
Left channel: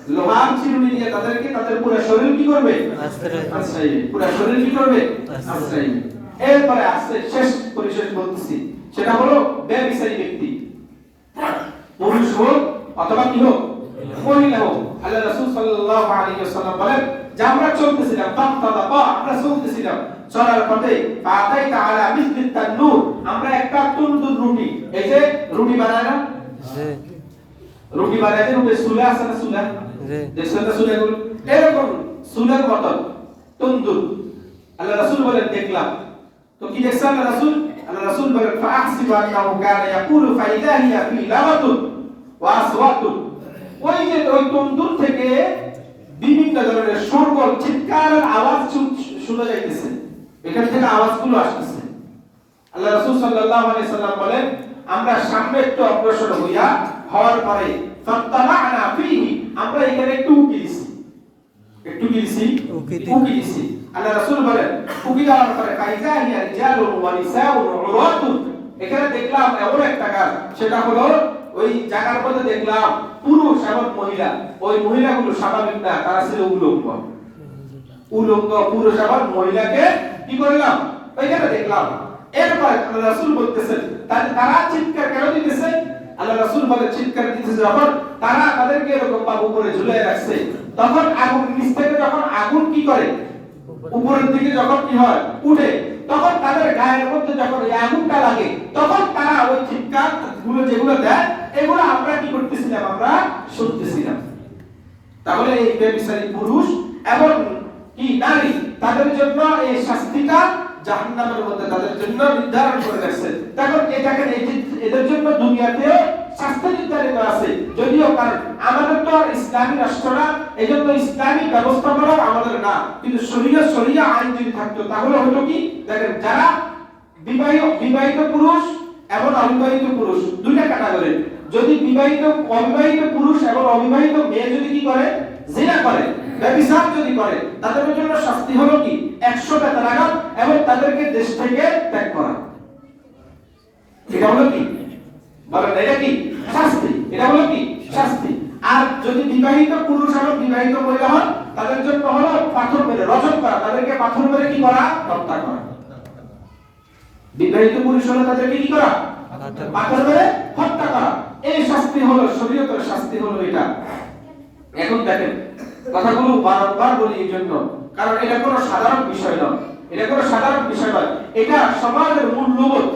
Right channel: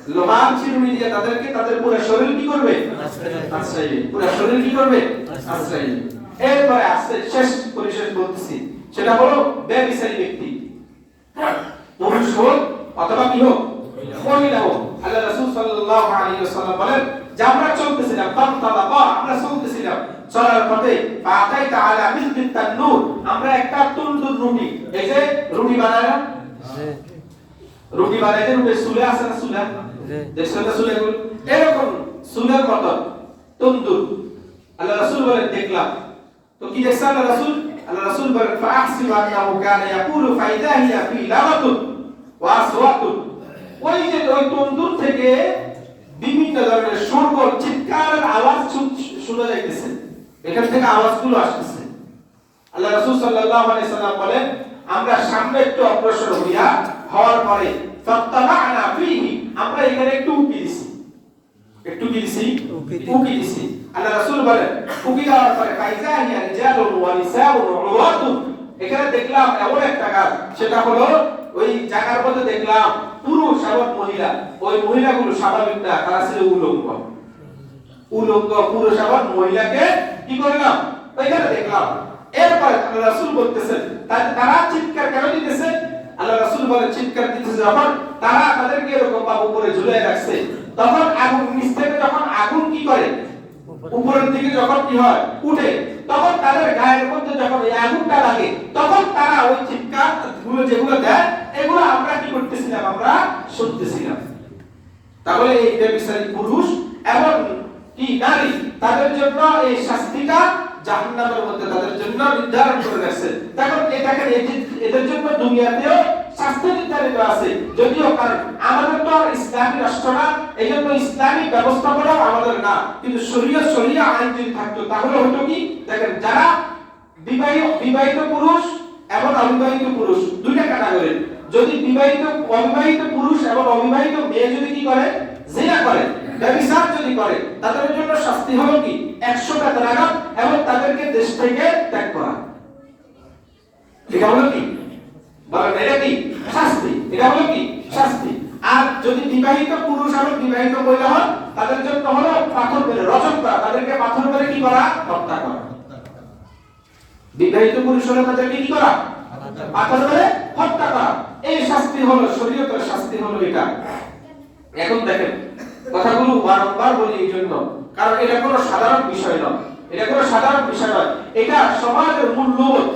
লোহার চিরুনি দিয়ে তাদেরকে তাদের পুরো শরীর কি করবে আশ্রয় দিবে পুরো শরীর কি করবে আশ্রয় দিবে এরপরে আসছে শেষ পরিশেষ বলতেছি সেটা হলো বেবিচারী ব্যক্তি পুরুষ হোক অথবা কি হোক মহিলা হোক আল্লাহ রাসূল সাল্লাল্লাহু আলাইহি ওয়াসাল্লাম বলেন যে আমরা চলতেছিলাম আমরা চলতেছিলাম চলার পথে ফাতাইতা আলা মিসলিত তান্নুর আমরা একটা তন্দুর রুটি এই যে রুটি বানায় না রুটি বানাইতে রুটি চুলা আছে না চুলা দেখছেন না চুলাগুলো এরকম চুলার মতো তন্দুর আল্লাহ রাসূল বলেন দেখলাম তো কি দেখছেন আল্লাহ রাসূল বলেন ফাহসিব আন্নাহু কানা ইয়াকুলু ফাইদা হিয়া ফি লামাতুন ওয়া আসওয়াতুন ওই যে ওই তন্দুর থেকে বিভিন্ন ধরনের শোরগোল চিৎকারের আওয়াজ শোনা যাইতেছে এখান থেকে আওয়াজগুলো আসতেছে আল্লাহ রাসূল সাল্লাল্লাহু আলাইহি সাল্লাম বলেন আমরা সামনে একটু অগ্রসর হওয়ার পরে ফাত্তাবা'না ফীহি আমরা এখানে একটু উকি দিছি আল্লাহ রাসূল বলেন উকি দেওয়ার পরে ফাইজা হিয়া রিজালুন ওয়া নিসাউন ওয়া উরাতুন এখানে দেখলাম এমন একটা কাজ সেটা হলো ওই জায়গার মধ্যে দেখলাম পুরুষ এবং মহিলা ওই মহিলাগুলো স্বাভাবিক না তারা ছিল উলঙ্গ পুরুষ এবং মহিলাকে কি করলাম ওইখানে দেখলাম এরপর আল্লাহ রাসূল বলতেছেন তারা চিৎকার কেন দিতেছে আল্লাহ রাসূল বলেন চিৎকার দিতেছে যখন তারা তাদেরকে এরকম বাবু করে ঝুলিয়ে রাখছে তখন আগুন নিচ থেকে যখন আগুন কি করে উপরের দিকে যখন কি হয় উঠে তখন তাদের গায়ের মধ্যে যখন এই আগুনটা লাগে তখন তারা ওই চিৎকার গুলো যেগুলো দেয় এগুলো আমরা কি করতেছিলাম আমরা শুনতেছিলাম তাহলে এই বেবিচারী পুরুষ এবং কি নারী তাদের জন্য এই শাস্তিটা জাহান্নামের মধ্যে তাদের জন্য নির্ধারণ করে রাখছে দেখুন এটাকে এদের জন্য দুনিয়াতেও শাস্তি নির্ধারিত আছে যদিও কারণ আমাদের তো ইসলামী রাষ্ট্র না এইজন্য ইসলামী ব্যবস্থাপনা আমাদের না কিন্তু শরিয়া আইন যদি থাকতো তাহলে হতো কি দেখেন যারা বিবাহিত পুরুষ এবং অবিবাহিত পুরুষ দুইটা ক্যাটাগরি যদি অবিবাহিত পুরুষ এবং অবিবাহিত মেয়ে যদি কি করে জিনা করে ব্যভিচার যদি করে তাদের জন্য শাস্তি হলো কি 100 বেত্রাঘাত এবং তাদেরকে দেশ থেকে ত্যাগ করা এটা হলো কি বলেন এটা কি শাস্তি এটা হলো কি শাস্তি আর যদি বিবাহিত পুরুষ এবং বিবাহিত মহিলা হন তাদের জন্য হলো পাথর মেরে রজম করা তাদেরকে পাথর মেরে কি করা হত্যা করা বিবাহিত পুরুষ হলে তাদেরকে কি করা পাথর মেরে হত্যা করা এই শাস্তি হলো শরীয়তের শাস্তি হলো এটা এখন দেখেন কথাগুলো বারবার বলি এই জন্য, কারণ এটা কোনো সাধারণ বিষয় নয়, এটা কোনো সাধারণ বিষয় নয়। এটা সমাজের মূল্যবোধ,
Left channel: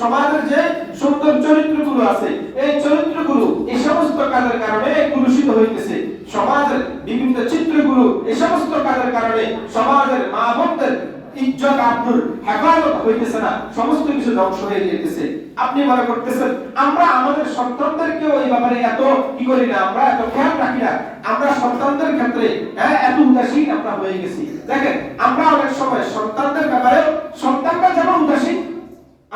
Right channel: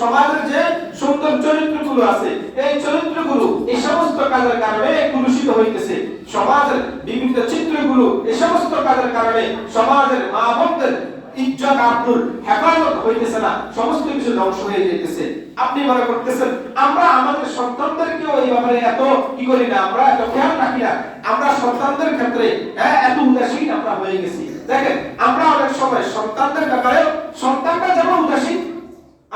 সমাজের যে সুন্দর চরিত্রগুলো আছে, এই চরিত্রগুলো এই সমস্ত কাজের কারণে কলুষিত হইতেছে। সমাজের বিভিন্ন চিত্রগুলো এই সমস্ত কাজের কারণে সমাজের মা বোনদের ইজ্জত আব্রুর হেফাজত হইতেছে না, সমস্ত কিছু ধ্বংস হয়ে যেতেছে। আপনি মনে করতেছেন আমরা আমাদের সন্তানদেরকেও এই ব্যাপারে এত কি করি না, আমরা এত খেয়াল রাখি না, আমরা সন্তানদের ক্ষেত্রে এত উদাসীন আমরা হয়ে গেছি। দেখেন আমরা অনেক সময় সন্তানদের ব্যাপারে, সন্তানরা যেমন উদাসীন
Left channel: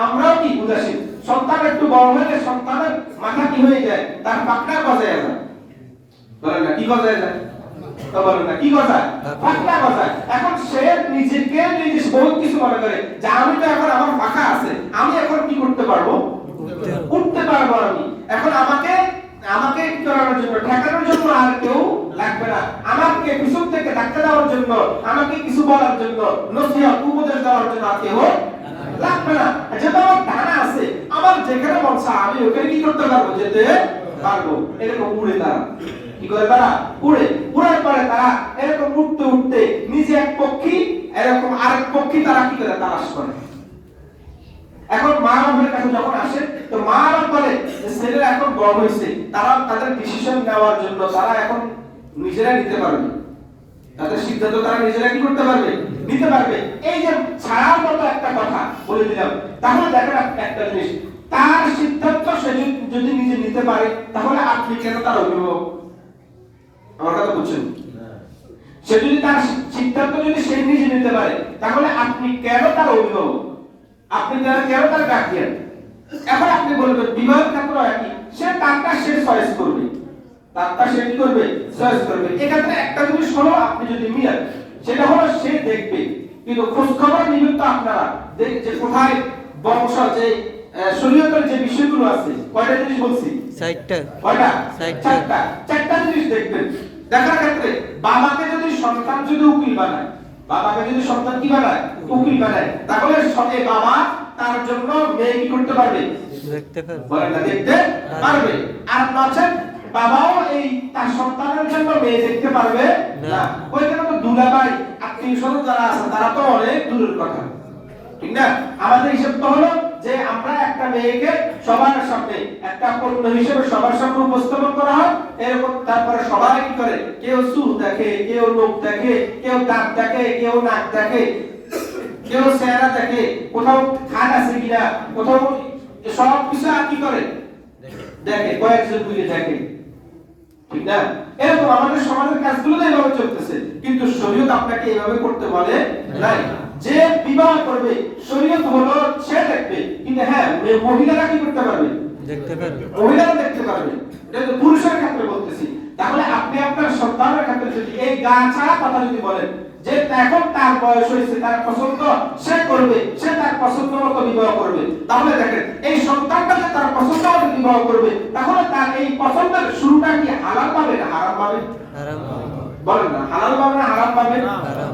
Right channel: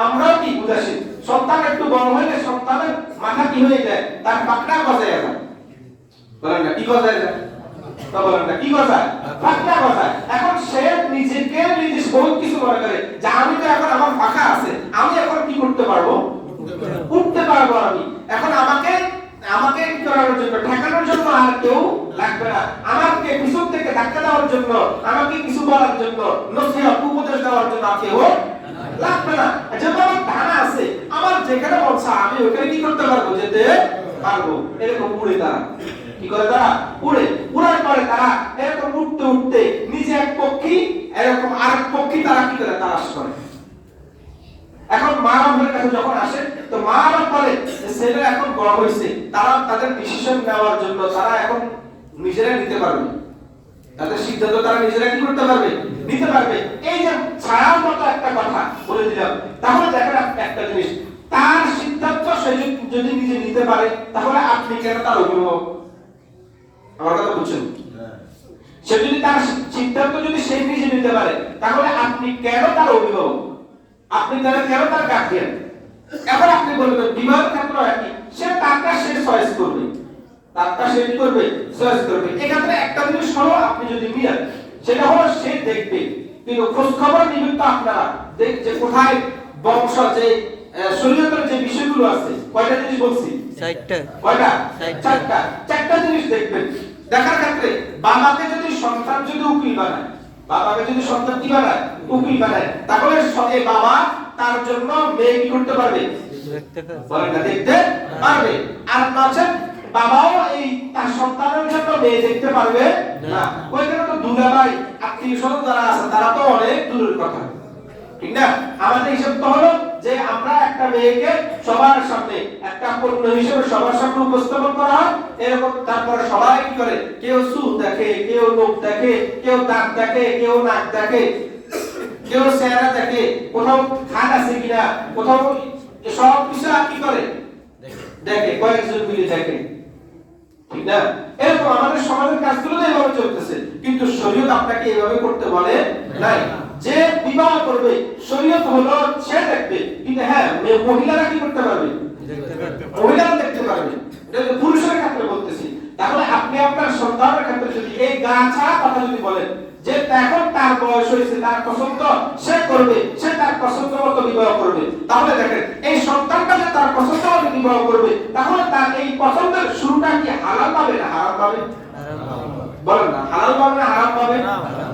আমরাও কি উদাসীন। সন্তান একটু বড় হলে সন্তানের মাথা কি হয়ে যায়, তার পাকড়া গজায় যায়, বলেন না কি গজায় যায়, তো বলেন না কি গজায়, পাকড়া গজায়। এখন সে নিজেকে নিজে বহুত কিছু মনে করে যে আমি তো এখন আমার ফাঁকা আছে, আমি এখন কি করতে পারবো, উঠতে পারবো আমি, এখন আমাকে কি করার জন্য, ঠেকানোর জন্য আর কেউ লাগবে না, আমাকে পিছন থেকে ধাক্কা দেওয়ার জন্য, আমাকে কিছু বলার জন্য, নসিহত উপদেশ দেওয়ার জন্য আর কেউ লাগবে না। যেটা আমার ধারণা আছে, আমার যেখানে বলছে আমি ওখানে কি করতে পারবো, যেতে পারবো। এরকম উড়ে তারা কি করে, তারা উড়ার পরে তারা এরকম উঠতে উঠতে নিজে এক পক্ষী এরকম আরেক পক্ষী তারা কি করে, তালাশ করে। এখন মা বাবার কাছে যখন আসে, তো মা বাবা বলে যে ছেলেরা এখন বড় হয়েছে, তারা তাদের ডিসিশন নেওয়ার জন্য তারা এখন নিজেরাই নিতে পারবে, তাদের সিদ্ধান্ত তারা নিজেরা কি করতে পারবে, নিতে পারবে। এই যে ছাড়ার মতো একটা কথা বলে দিলাম, তাহলে দেখেন একটা জিনিস, তার সিদ্ধান্ত সে যদি নিজে নিতে পারে, তাহলে আপনি কেন তার অভিভাবক? আমার কথা বুঝছেন? সে যদি তার সিদ্ধান্ত যদি সে নিজে নিতে পারে, তাহলে আপনি কেন তার অভিভাবক? আপনি কেন তার গার্ডিয়ান? এখন আপনি বলবেন বিবাহ ক্ষেত্র একই, সে তারটা সে চয়েস করবে, তারটা সে কি করবে, চয়েস করবে। এক্ষেত্রে একটা জিনিস হলো, আপনি যদি মিলান, সেটা হলো সে দেখবে, কিন্তু খোঁজ খবর নিবেন তো আপনারা যে কোথায় বংশ, যে শরীয়তের যে বিষয়গুলো আছে, কয়টা জিনিস বলছি, কয়টা, চারটা জিনিস দেখবেন। দেখার ক্ষেত্রে বাবাকে যদি সন্তান যদি উকিল বানায়, বাবাকে যদি সন্তান কি বানায়, উকিল বানায়, তাহলে সঙ্গে বাবা তার জন্য মেয়ে কি করতে পারবে, বলেন না, দেখতে পারবে। আর নচেত বাবাও এই তার সন্তানের জন্য মেয়ে দেখতে পারবে না। ওইখানে তো দুলাভাই আত্মীয় স্বজন যারা আছে তারা তো অনেক দূরের কথা, ঠিক না? আমাদের হিসাব তো হলো যে আমরা একটা মেয়েকে সবার সামনে একটা পণ্য হিসেবে সবার সামনে উপস্থাপন করা হয়, এরকম। তারপরে সবাই কি করে, কেউ চুল দেখে, কেউ লোক দেখে, কেউ দাঁত দেখে, কেউ নাক দেখে, কেউ চেহারা দেখে, কোথাও খাট আছে কিনা, কোথাও সব কিছু আর কি করে দেখে, কয়েকজন মিলে দেখে, ঠিক না? এরকম আমাদের সমাজের কাজগুলো তো এভাবে চলতেছে, কিন্তু শরীয়ত আপনাকে এভাবে করতে বলে নাই। যে বিবাহ করবে শরীয়ত হলো সে দেখবে, কিন্তু হ্যাঁ মহিলারা কি করতে পারবে, মহিলারা দেখতে পারবে, এটা তো পুরুষের ক্ষেত্রে বলতেছি। তাহলে আপনি আপনার সন্তানের ক্ষেত্রে যদি এই গা ছাড়া কথা যদি বলেন যে এখন তার বয়স হয়েছে, তার পছন্দ সে করবে, সে তার পছন্দ মতো বিবাহ করবে, তাহলে দেখেন এই সন্তানটা যে তার পছন্দ মতো বিবাহ করবে, তাহলে তার এই পছন্দের শুরুটা কি হালাল পাবে না হারাম পাবে? বলেন না, হালাল পাবে না হারাম পাবে?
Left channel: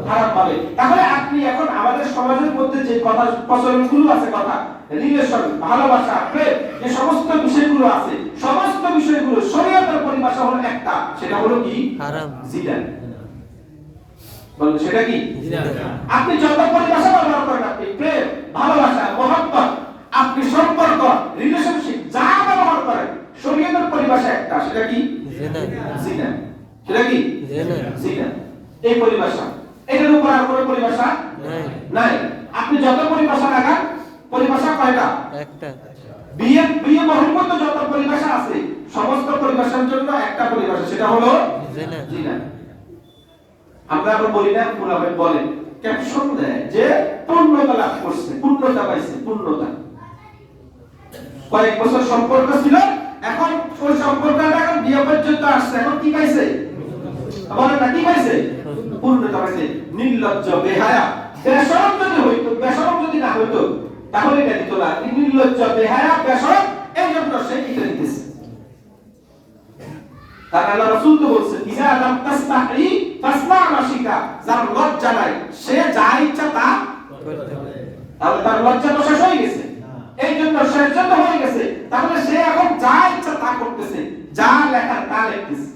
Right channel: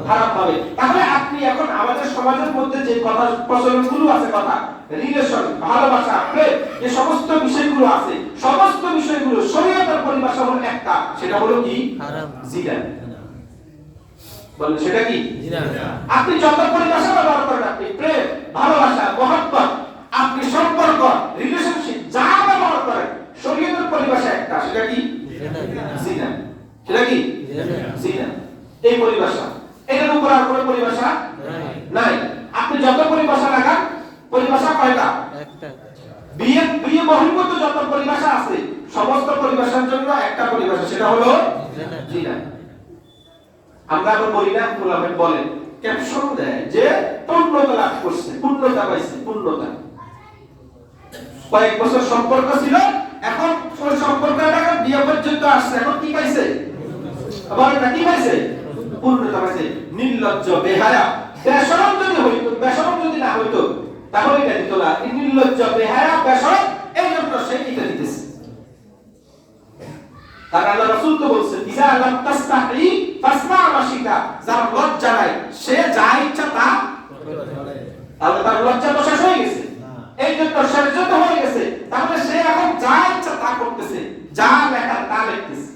হারাম পাবে। তাহলে আপনি এখন আমাদের সমাজের মধ্যে যে কথা প্রচলনগুলো আছে, কথা রিলেশন, ভালোবাসা, প্রেম, যে সমস্ত বিষয়গুলো আছে, সমস্ত বিষয়গুলো শরীয়তের পরিভাষা হলো একটা, সেটা হলো কি, হারাম, জিনা। বলেন সেটা কি, জিনা। আপনি যত পরিভাষা ব্যবহার করেন, আপনি প্রেম, ভালোবাসা, মহব্বত, আপনি সম্পর্ক, রিলেশনশিপ যা ব্যবহার করেন, শরীয়তের পরিভাষা একটা, সেটা কি, জিনা। সেটা কি, জিনা। এই পরিভাষা, এটার উপর আর কোনো পরিভাষা নাই। আপনি যত পরিভাষা লাগান, পরিভাষা কয়টা, একটা। বিয়ে বহির্ভূত যত পরিভাষা আছে, সমস্ত পরিভাষার জন্য একটা পরিভাষা, সেটা হলো জিনা। আমরা আবার বলি না, ওলামা বলেন, ক্যাপশন দেয় যে পূর্ণতা লাভ করছে, পূর্ণতা পাইছে, পূর্ণতা। কয়েক বছর সম্পর্ক ছিল, এখন ওই সম্পর্কটা এখন বিয়ে পর্যন্ত আসছে, এখন কি পাইছে, বলেন না কি পাইছে, পূর্ণতা পাইছে। নির্লজ্জ, বেহায়া, বেশরম যদি হইতো, বেশরম যদি না হইতো তাহলে এটা দিত না। নির্লজ্জ, বেহায়া, বেশরম, এই জন্য সে এটা দিতেছে। কারণ আল্লাহ রাসূল তো বলছেন, ইজা লাম তাস্তাহি ফাসমা মাশিতা, যার লজ্জা নাই সে যা ইচ্ছা তা করে। তাহলে তার লজ্জা তো শেষ হয়ে গেছে, এই জন্য শেষ যত হয়ে গেছে, তাহলে সে এখন যা ইচ্ছা তা করতেছে, যা লেখা তা লিখতেছে।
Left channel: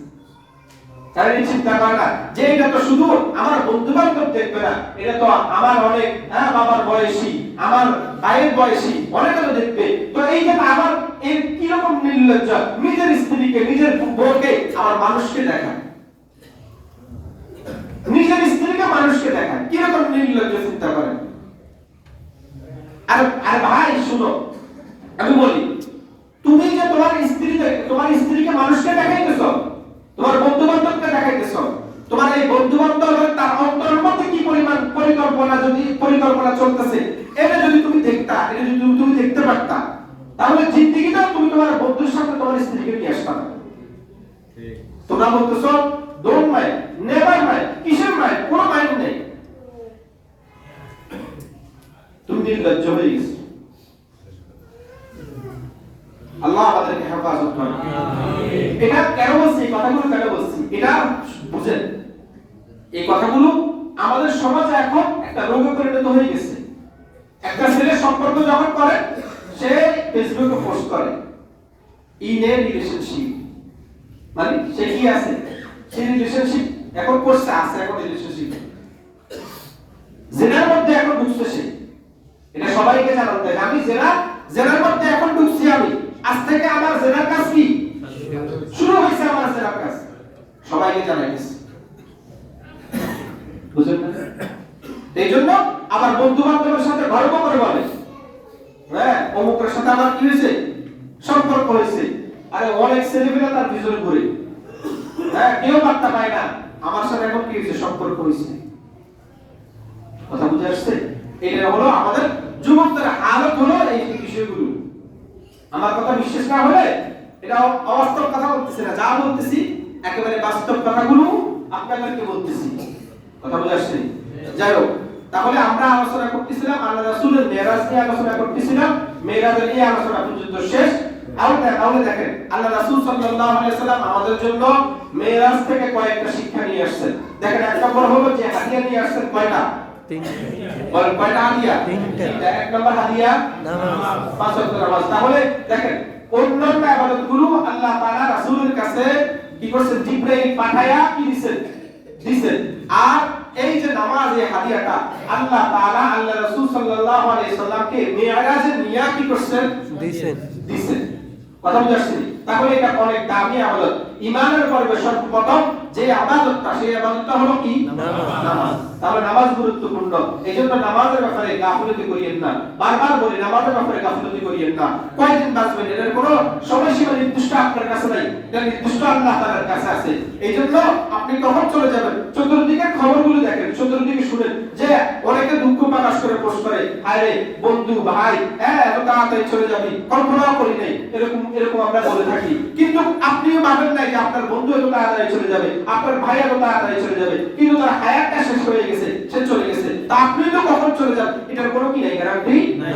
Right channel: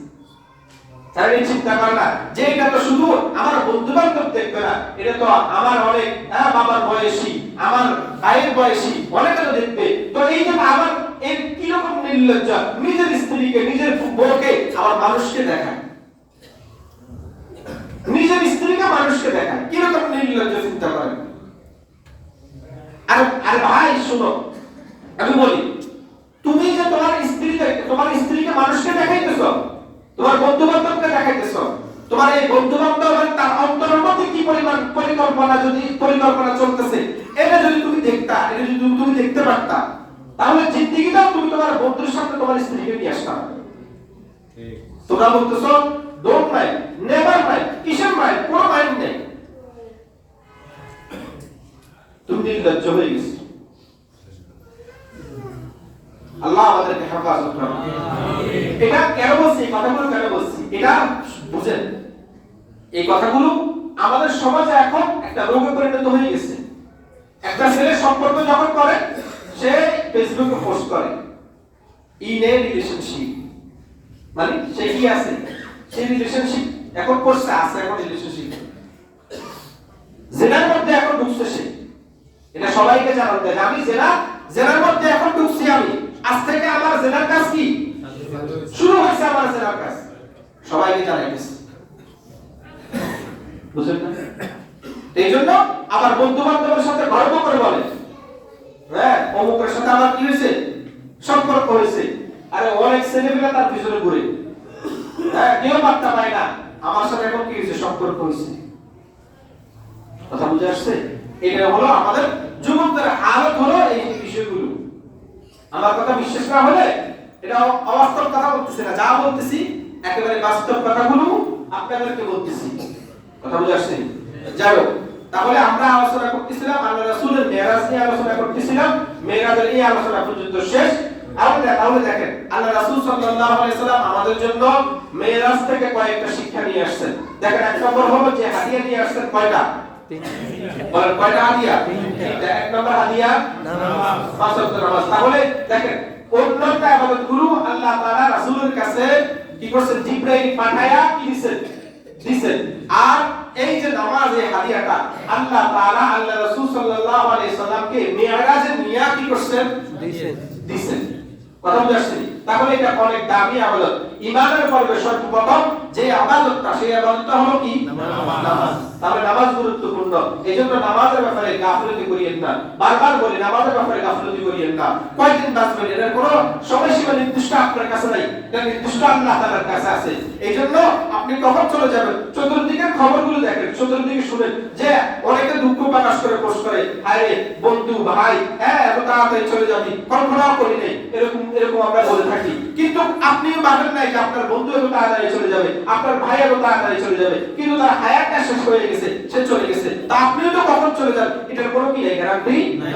তারা এই চিন্তা করে না যে এটা তো শুধু আমার বন্ধু বান্ধব দেখবে না, এটা তো আমার অনেক বাবার বয়সী, আমার ভাইয়ের বয়সী অনেকে দেখবে। তো এই যে আমার এই কিরকম নির্লজ্জ, নিজের স্ত্রীকে নিজের বউকে আমার মানুষকে দেখায়, নিজের স্ত্রীকে মানুষকে দেখায়, কিরকম নির্লজ্জ চিন্তা করেন। আর ভাই শুনো, আমি বলি, তুমি যে তোমার স্ত্রীকে মানুষকে দেখাইতেছো, তোমার বন্ধু বান্ধবকে দেখাইতেছো, তোমার এই বন্ধু বান্ধবের তার অন্তরের মধ্যে কি পরিমাণ পরিকল্পনা চলতেছে, এটা যদি তুমি দেখতা, এটা যদি তুমি দেখতে পারতা, তাহলে জিন্দেগিটা তুমি তোমার বন্ধুর সামনে তোমার স্ত্রীকে নিয়ে আসতা। তোমরা বলতেছো ডোন্ট মাইন্ড, নেভার মাইন্ড, কিসের মাইন্ড, কোনো মাইন্ড নেই, তুমি নির্লজ্জ হয়ে গেছো। আল্লাহ আমাদেরকে হেফাজত করুন। এটা কেন বলছি, এই কথাগুলো কেন বলছি, এটা বুঝেন। এই কথাগুলো আমাদের সমাজে এখন একটা রোগে পরিণত হয়ে গেছে। একটা ছেলে সম্পর্ক যখন করে, সে ফেসবুকে পোস্ট করে ইন এ রিলেশনশিপ, মানে সে কি আছে, সে রিলেশনশিপ এখন করছে, আছে এখন রিলেশনশিপ, জিনার মধ্যে এখন ঢুকছে সে। এটা সবাইকে জানাতে হবে, আমি জেনার মধ্যে এখন ঢুকছি, আমি আজ থেকে আমার জেনার কাজ কি শুরু হয়েছে, আমার জেনার কাজ সবাইকে জানাইতেছি, বুঝলেন না? এই জন্য আবার বন্ধু বান্ধবের সাথে গর্ব করে বলে, হ্যাঁ অমুকের সাথে আমার কি হয়েছে, সম্পর্ক হয়েছে। আরে অনেক ছেলেমেয়েরা তার পিছনে ঘুরে, হ্যাঁ কেউ বার্তা পায় না আমার সাথে এখন কি হয়েছে, সম্পর্ক হয়েছে। কথা বুঝে আসছে? এটা হলো আমাদের যুবকদের হালত, হলো এই বিষয়গুলো। আমার কথা বিশ্বাস না হলে, এটা অবাস্তব কথা বলতেছি না, যা বলতেছি একেবারে বাস্তব কথাগুলো আপনাদেরকে বলতেছি। কথা বুঝে আসছে? যাই হোক, তাহলে আমরা আলোচনা করতেছিলাম আল্লাহ রাসূলের মেরাজ নিয়ে আলোচনা করতেছিলাম, মেরাজের এই আলোচনা পর্যন্ত শেষ। তাহলে দেখেন আল্লাহ রাসূল সাল্লাল্লাহু আলাইহি সাল্লাম আমাদের জন্য মেরাজ থেকে কয়েকটা শিক্ষা নিয়ে আসছেন। দেখেন এক নম্বর হলো যে হাদিয়া নিয়ে আসছেন কয়টা, বলেন কয়টা হাদিয়া? এক নম্বর হাদিয়া নামাজ, পাঁচ ওয়াক্ত নামাজ। তাহলে দেখেন অন্যটা ইবাদতগুলো আল্লাহ তাআলা রাসূলের কাছে কি করছেন, জিবরাইল পাঠায়া কি দিয়েছেন। আর এই যে নামাজ, এই হাদিয়াটা আল্লাহ তাআলা আল্লাহ রাসূল সাল্লাল্লাহু আলাইহি সাল্লামকে মিরাজে নিয়ে কি করছেন, দিয়েছেন। কথা বুঝাচ্ছি? তাহলে এটা অনেক দামি ইবাদত। ঈমানের পর্বে সর্বপ্রথম যে ইবাদতটা, সেই ইবাদতটা হলো কি, নামাজ। তাহলে নামাজ গুরুত্বপূর্ণ, এইজন্য নামাজের ব্যাপারে গাফিলতি করিয়েন না। বারবার বলি, নামাজের ব্যাপারে গাফিলতি করিয়েন না। কয়দিন বাঁচবেন এর কোনো সময়সীমা নির্দিষ্ট আপনার কাছে নাই, এটা নির্দিষ্ট আল্লাহ তাআলার কাছে আছে। এইজন্য আপনি কখন চলে যাবেন, চতুর্দিকের খবরগুলো দেখেন, চতুর্দিকে শুনেন যে অনেকে দুঃখ প্রকাশ করে পোস্ট করে, আরে বন্ধু ভাই হ্যাঁ এত তাড়াতাড়ি চলে যাবি, কল্পনাও করি নাই, এরকম আমরা বলে থাকি। কিন্তু আপনিও ভাবেন না যে আপনার বন্ধু এত তাড়াতাড়ি চলে যাবে, আপনার ভাই এত তাড়াতাড়ি চলে যাবে, কিন্তু তার হায়াতটা শেষ হয়ে গেছে, সে চলে গেছে। তা আপনিও তো কখন চলে যান এটার কোনো কি নাই, গ্যারান্টি নাই।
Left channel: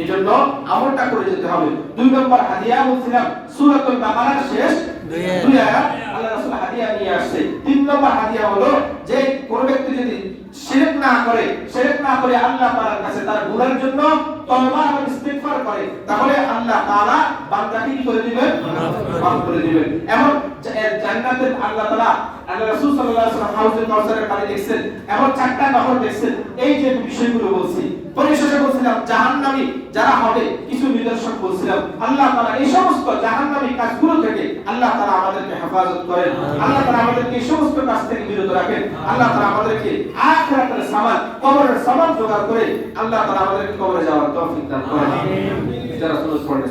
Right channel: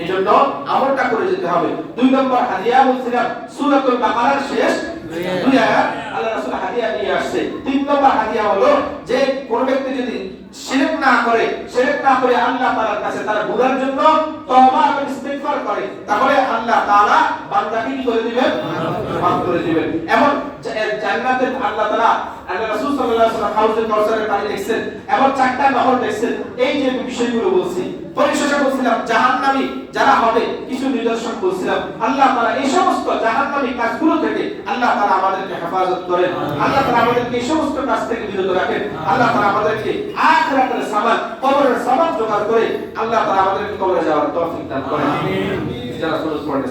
এইজন্য আমলটা করে যেতে হবে। দুই নম্বর হাদিয়া বলছিলাম সূরাতুল বাকারার শেষ দুই আয়াত আল্লাহ রাসূল হাদিয়া নিয়ে আসছে। তিন নম্বর হাদিয়া হলো যে কোন ব্যক্তি যদি শিরক না করে আল্লাহ তাআলার কাছে তার গুনাহের জন্য তওবা এবং ইস্তিগফার করে, তাহলে আল্লাহ তাআলা বান্দাকে কি করে দিবেন, মাফ করে দিবেন। এমন জান্নাতের আল্লাহ তাআলা আল্লাহ রাসূল সাল্লাল্লাহু আলাইহি ওয়াসাল্লাম হাউজে কাউসারের পানি দেখছেন, এমন চারটা নহর দেখছেন। এই যে বিষয়গুলো বলছি, পরিশেষে বলছিলাম জাহান্নামী যারা হবে কিছু নিদর্শন বলছিলাম। আল্লাহ তাআলা এই সমস্ত জাহান্নামী কাজগুলো থেকে আল্লাহ তাআলা আমাদেরকে হেফাজত করেন, আল্লাহ তাআলা আমাদেরকে এই সমস্ত কাজ থেকে বিরত রাখেন। আল্লাহ তাআলা আমাদেরকে আখিরাতের সামান, কবরের সামান জোগাড় করে আল্লাহ তাআলা আমাদেরকে কবরে যাওয়ার তৌফিক দান করেন। আমিন। যারা সুন্নাত পড়েন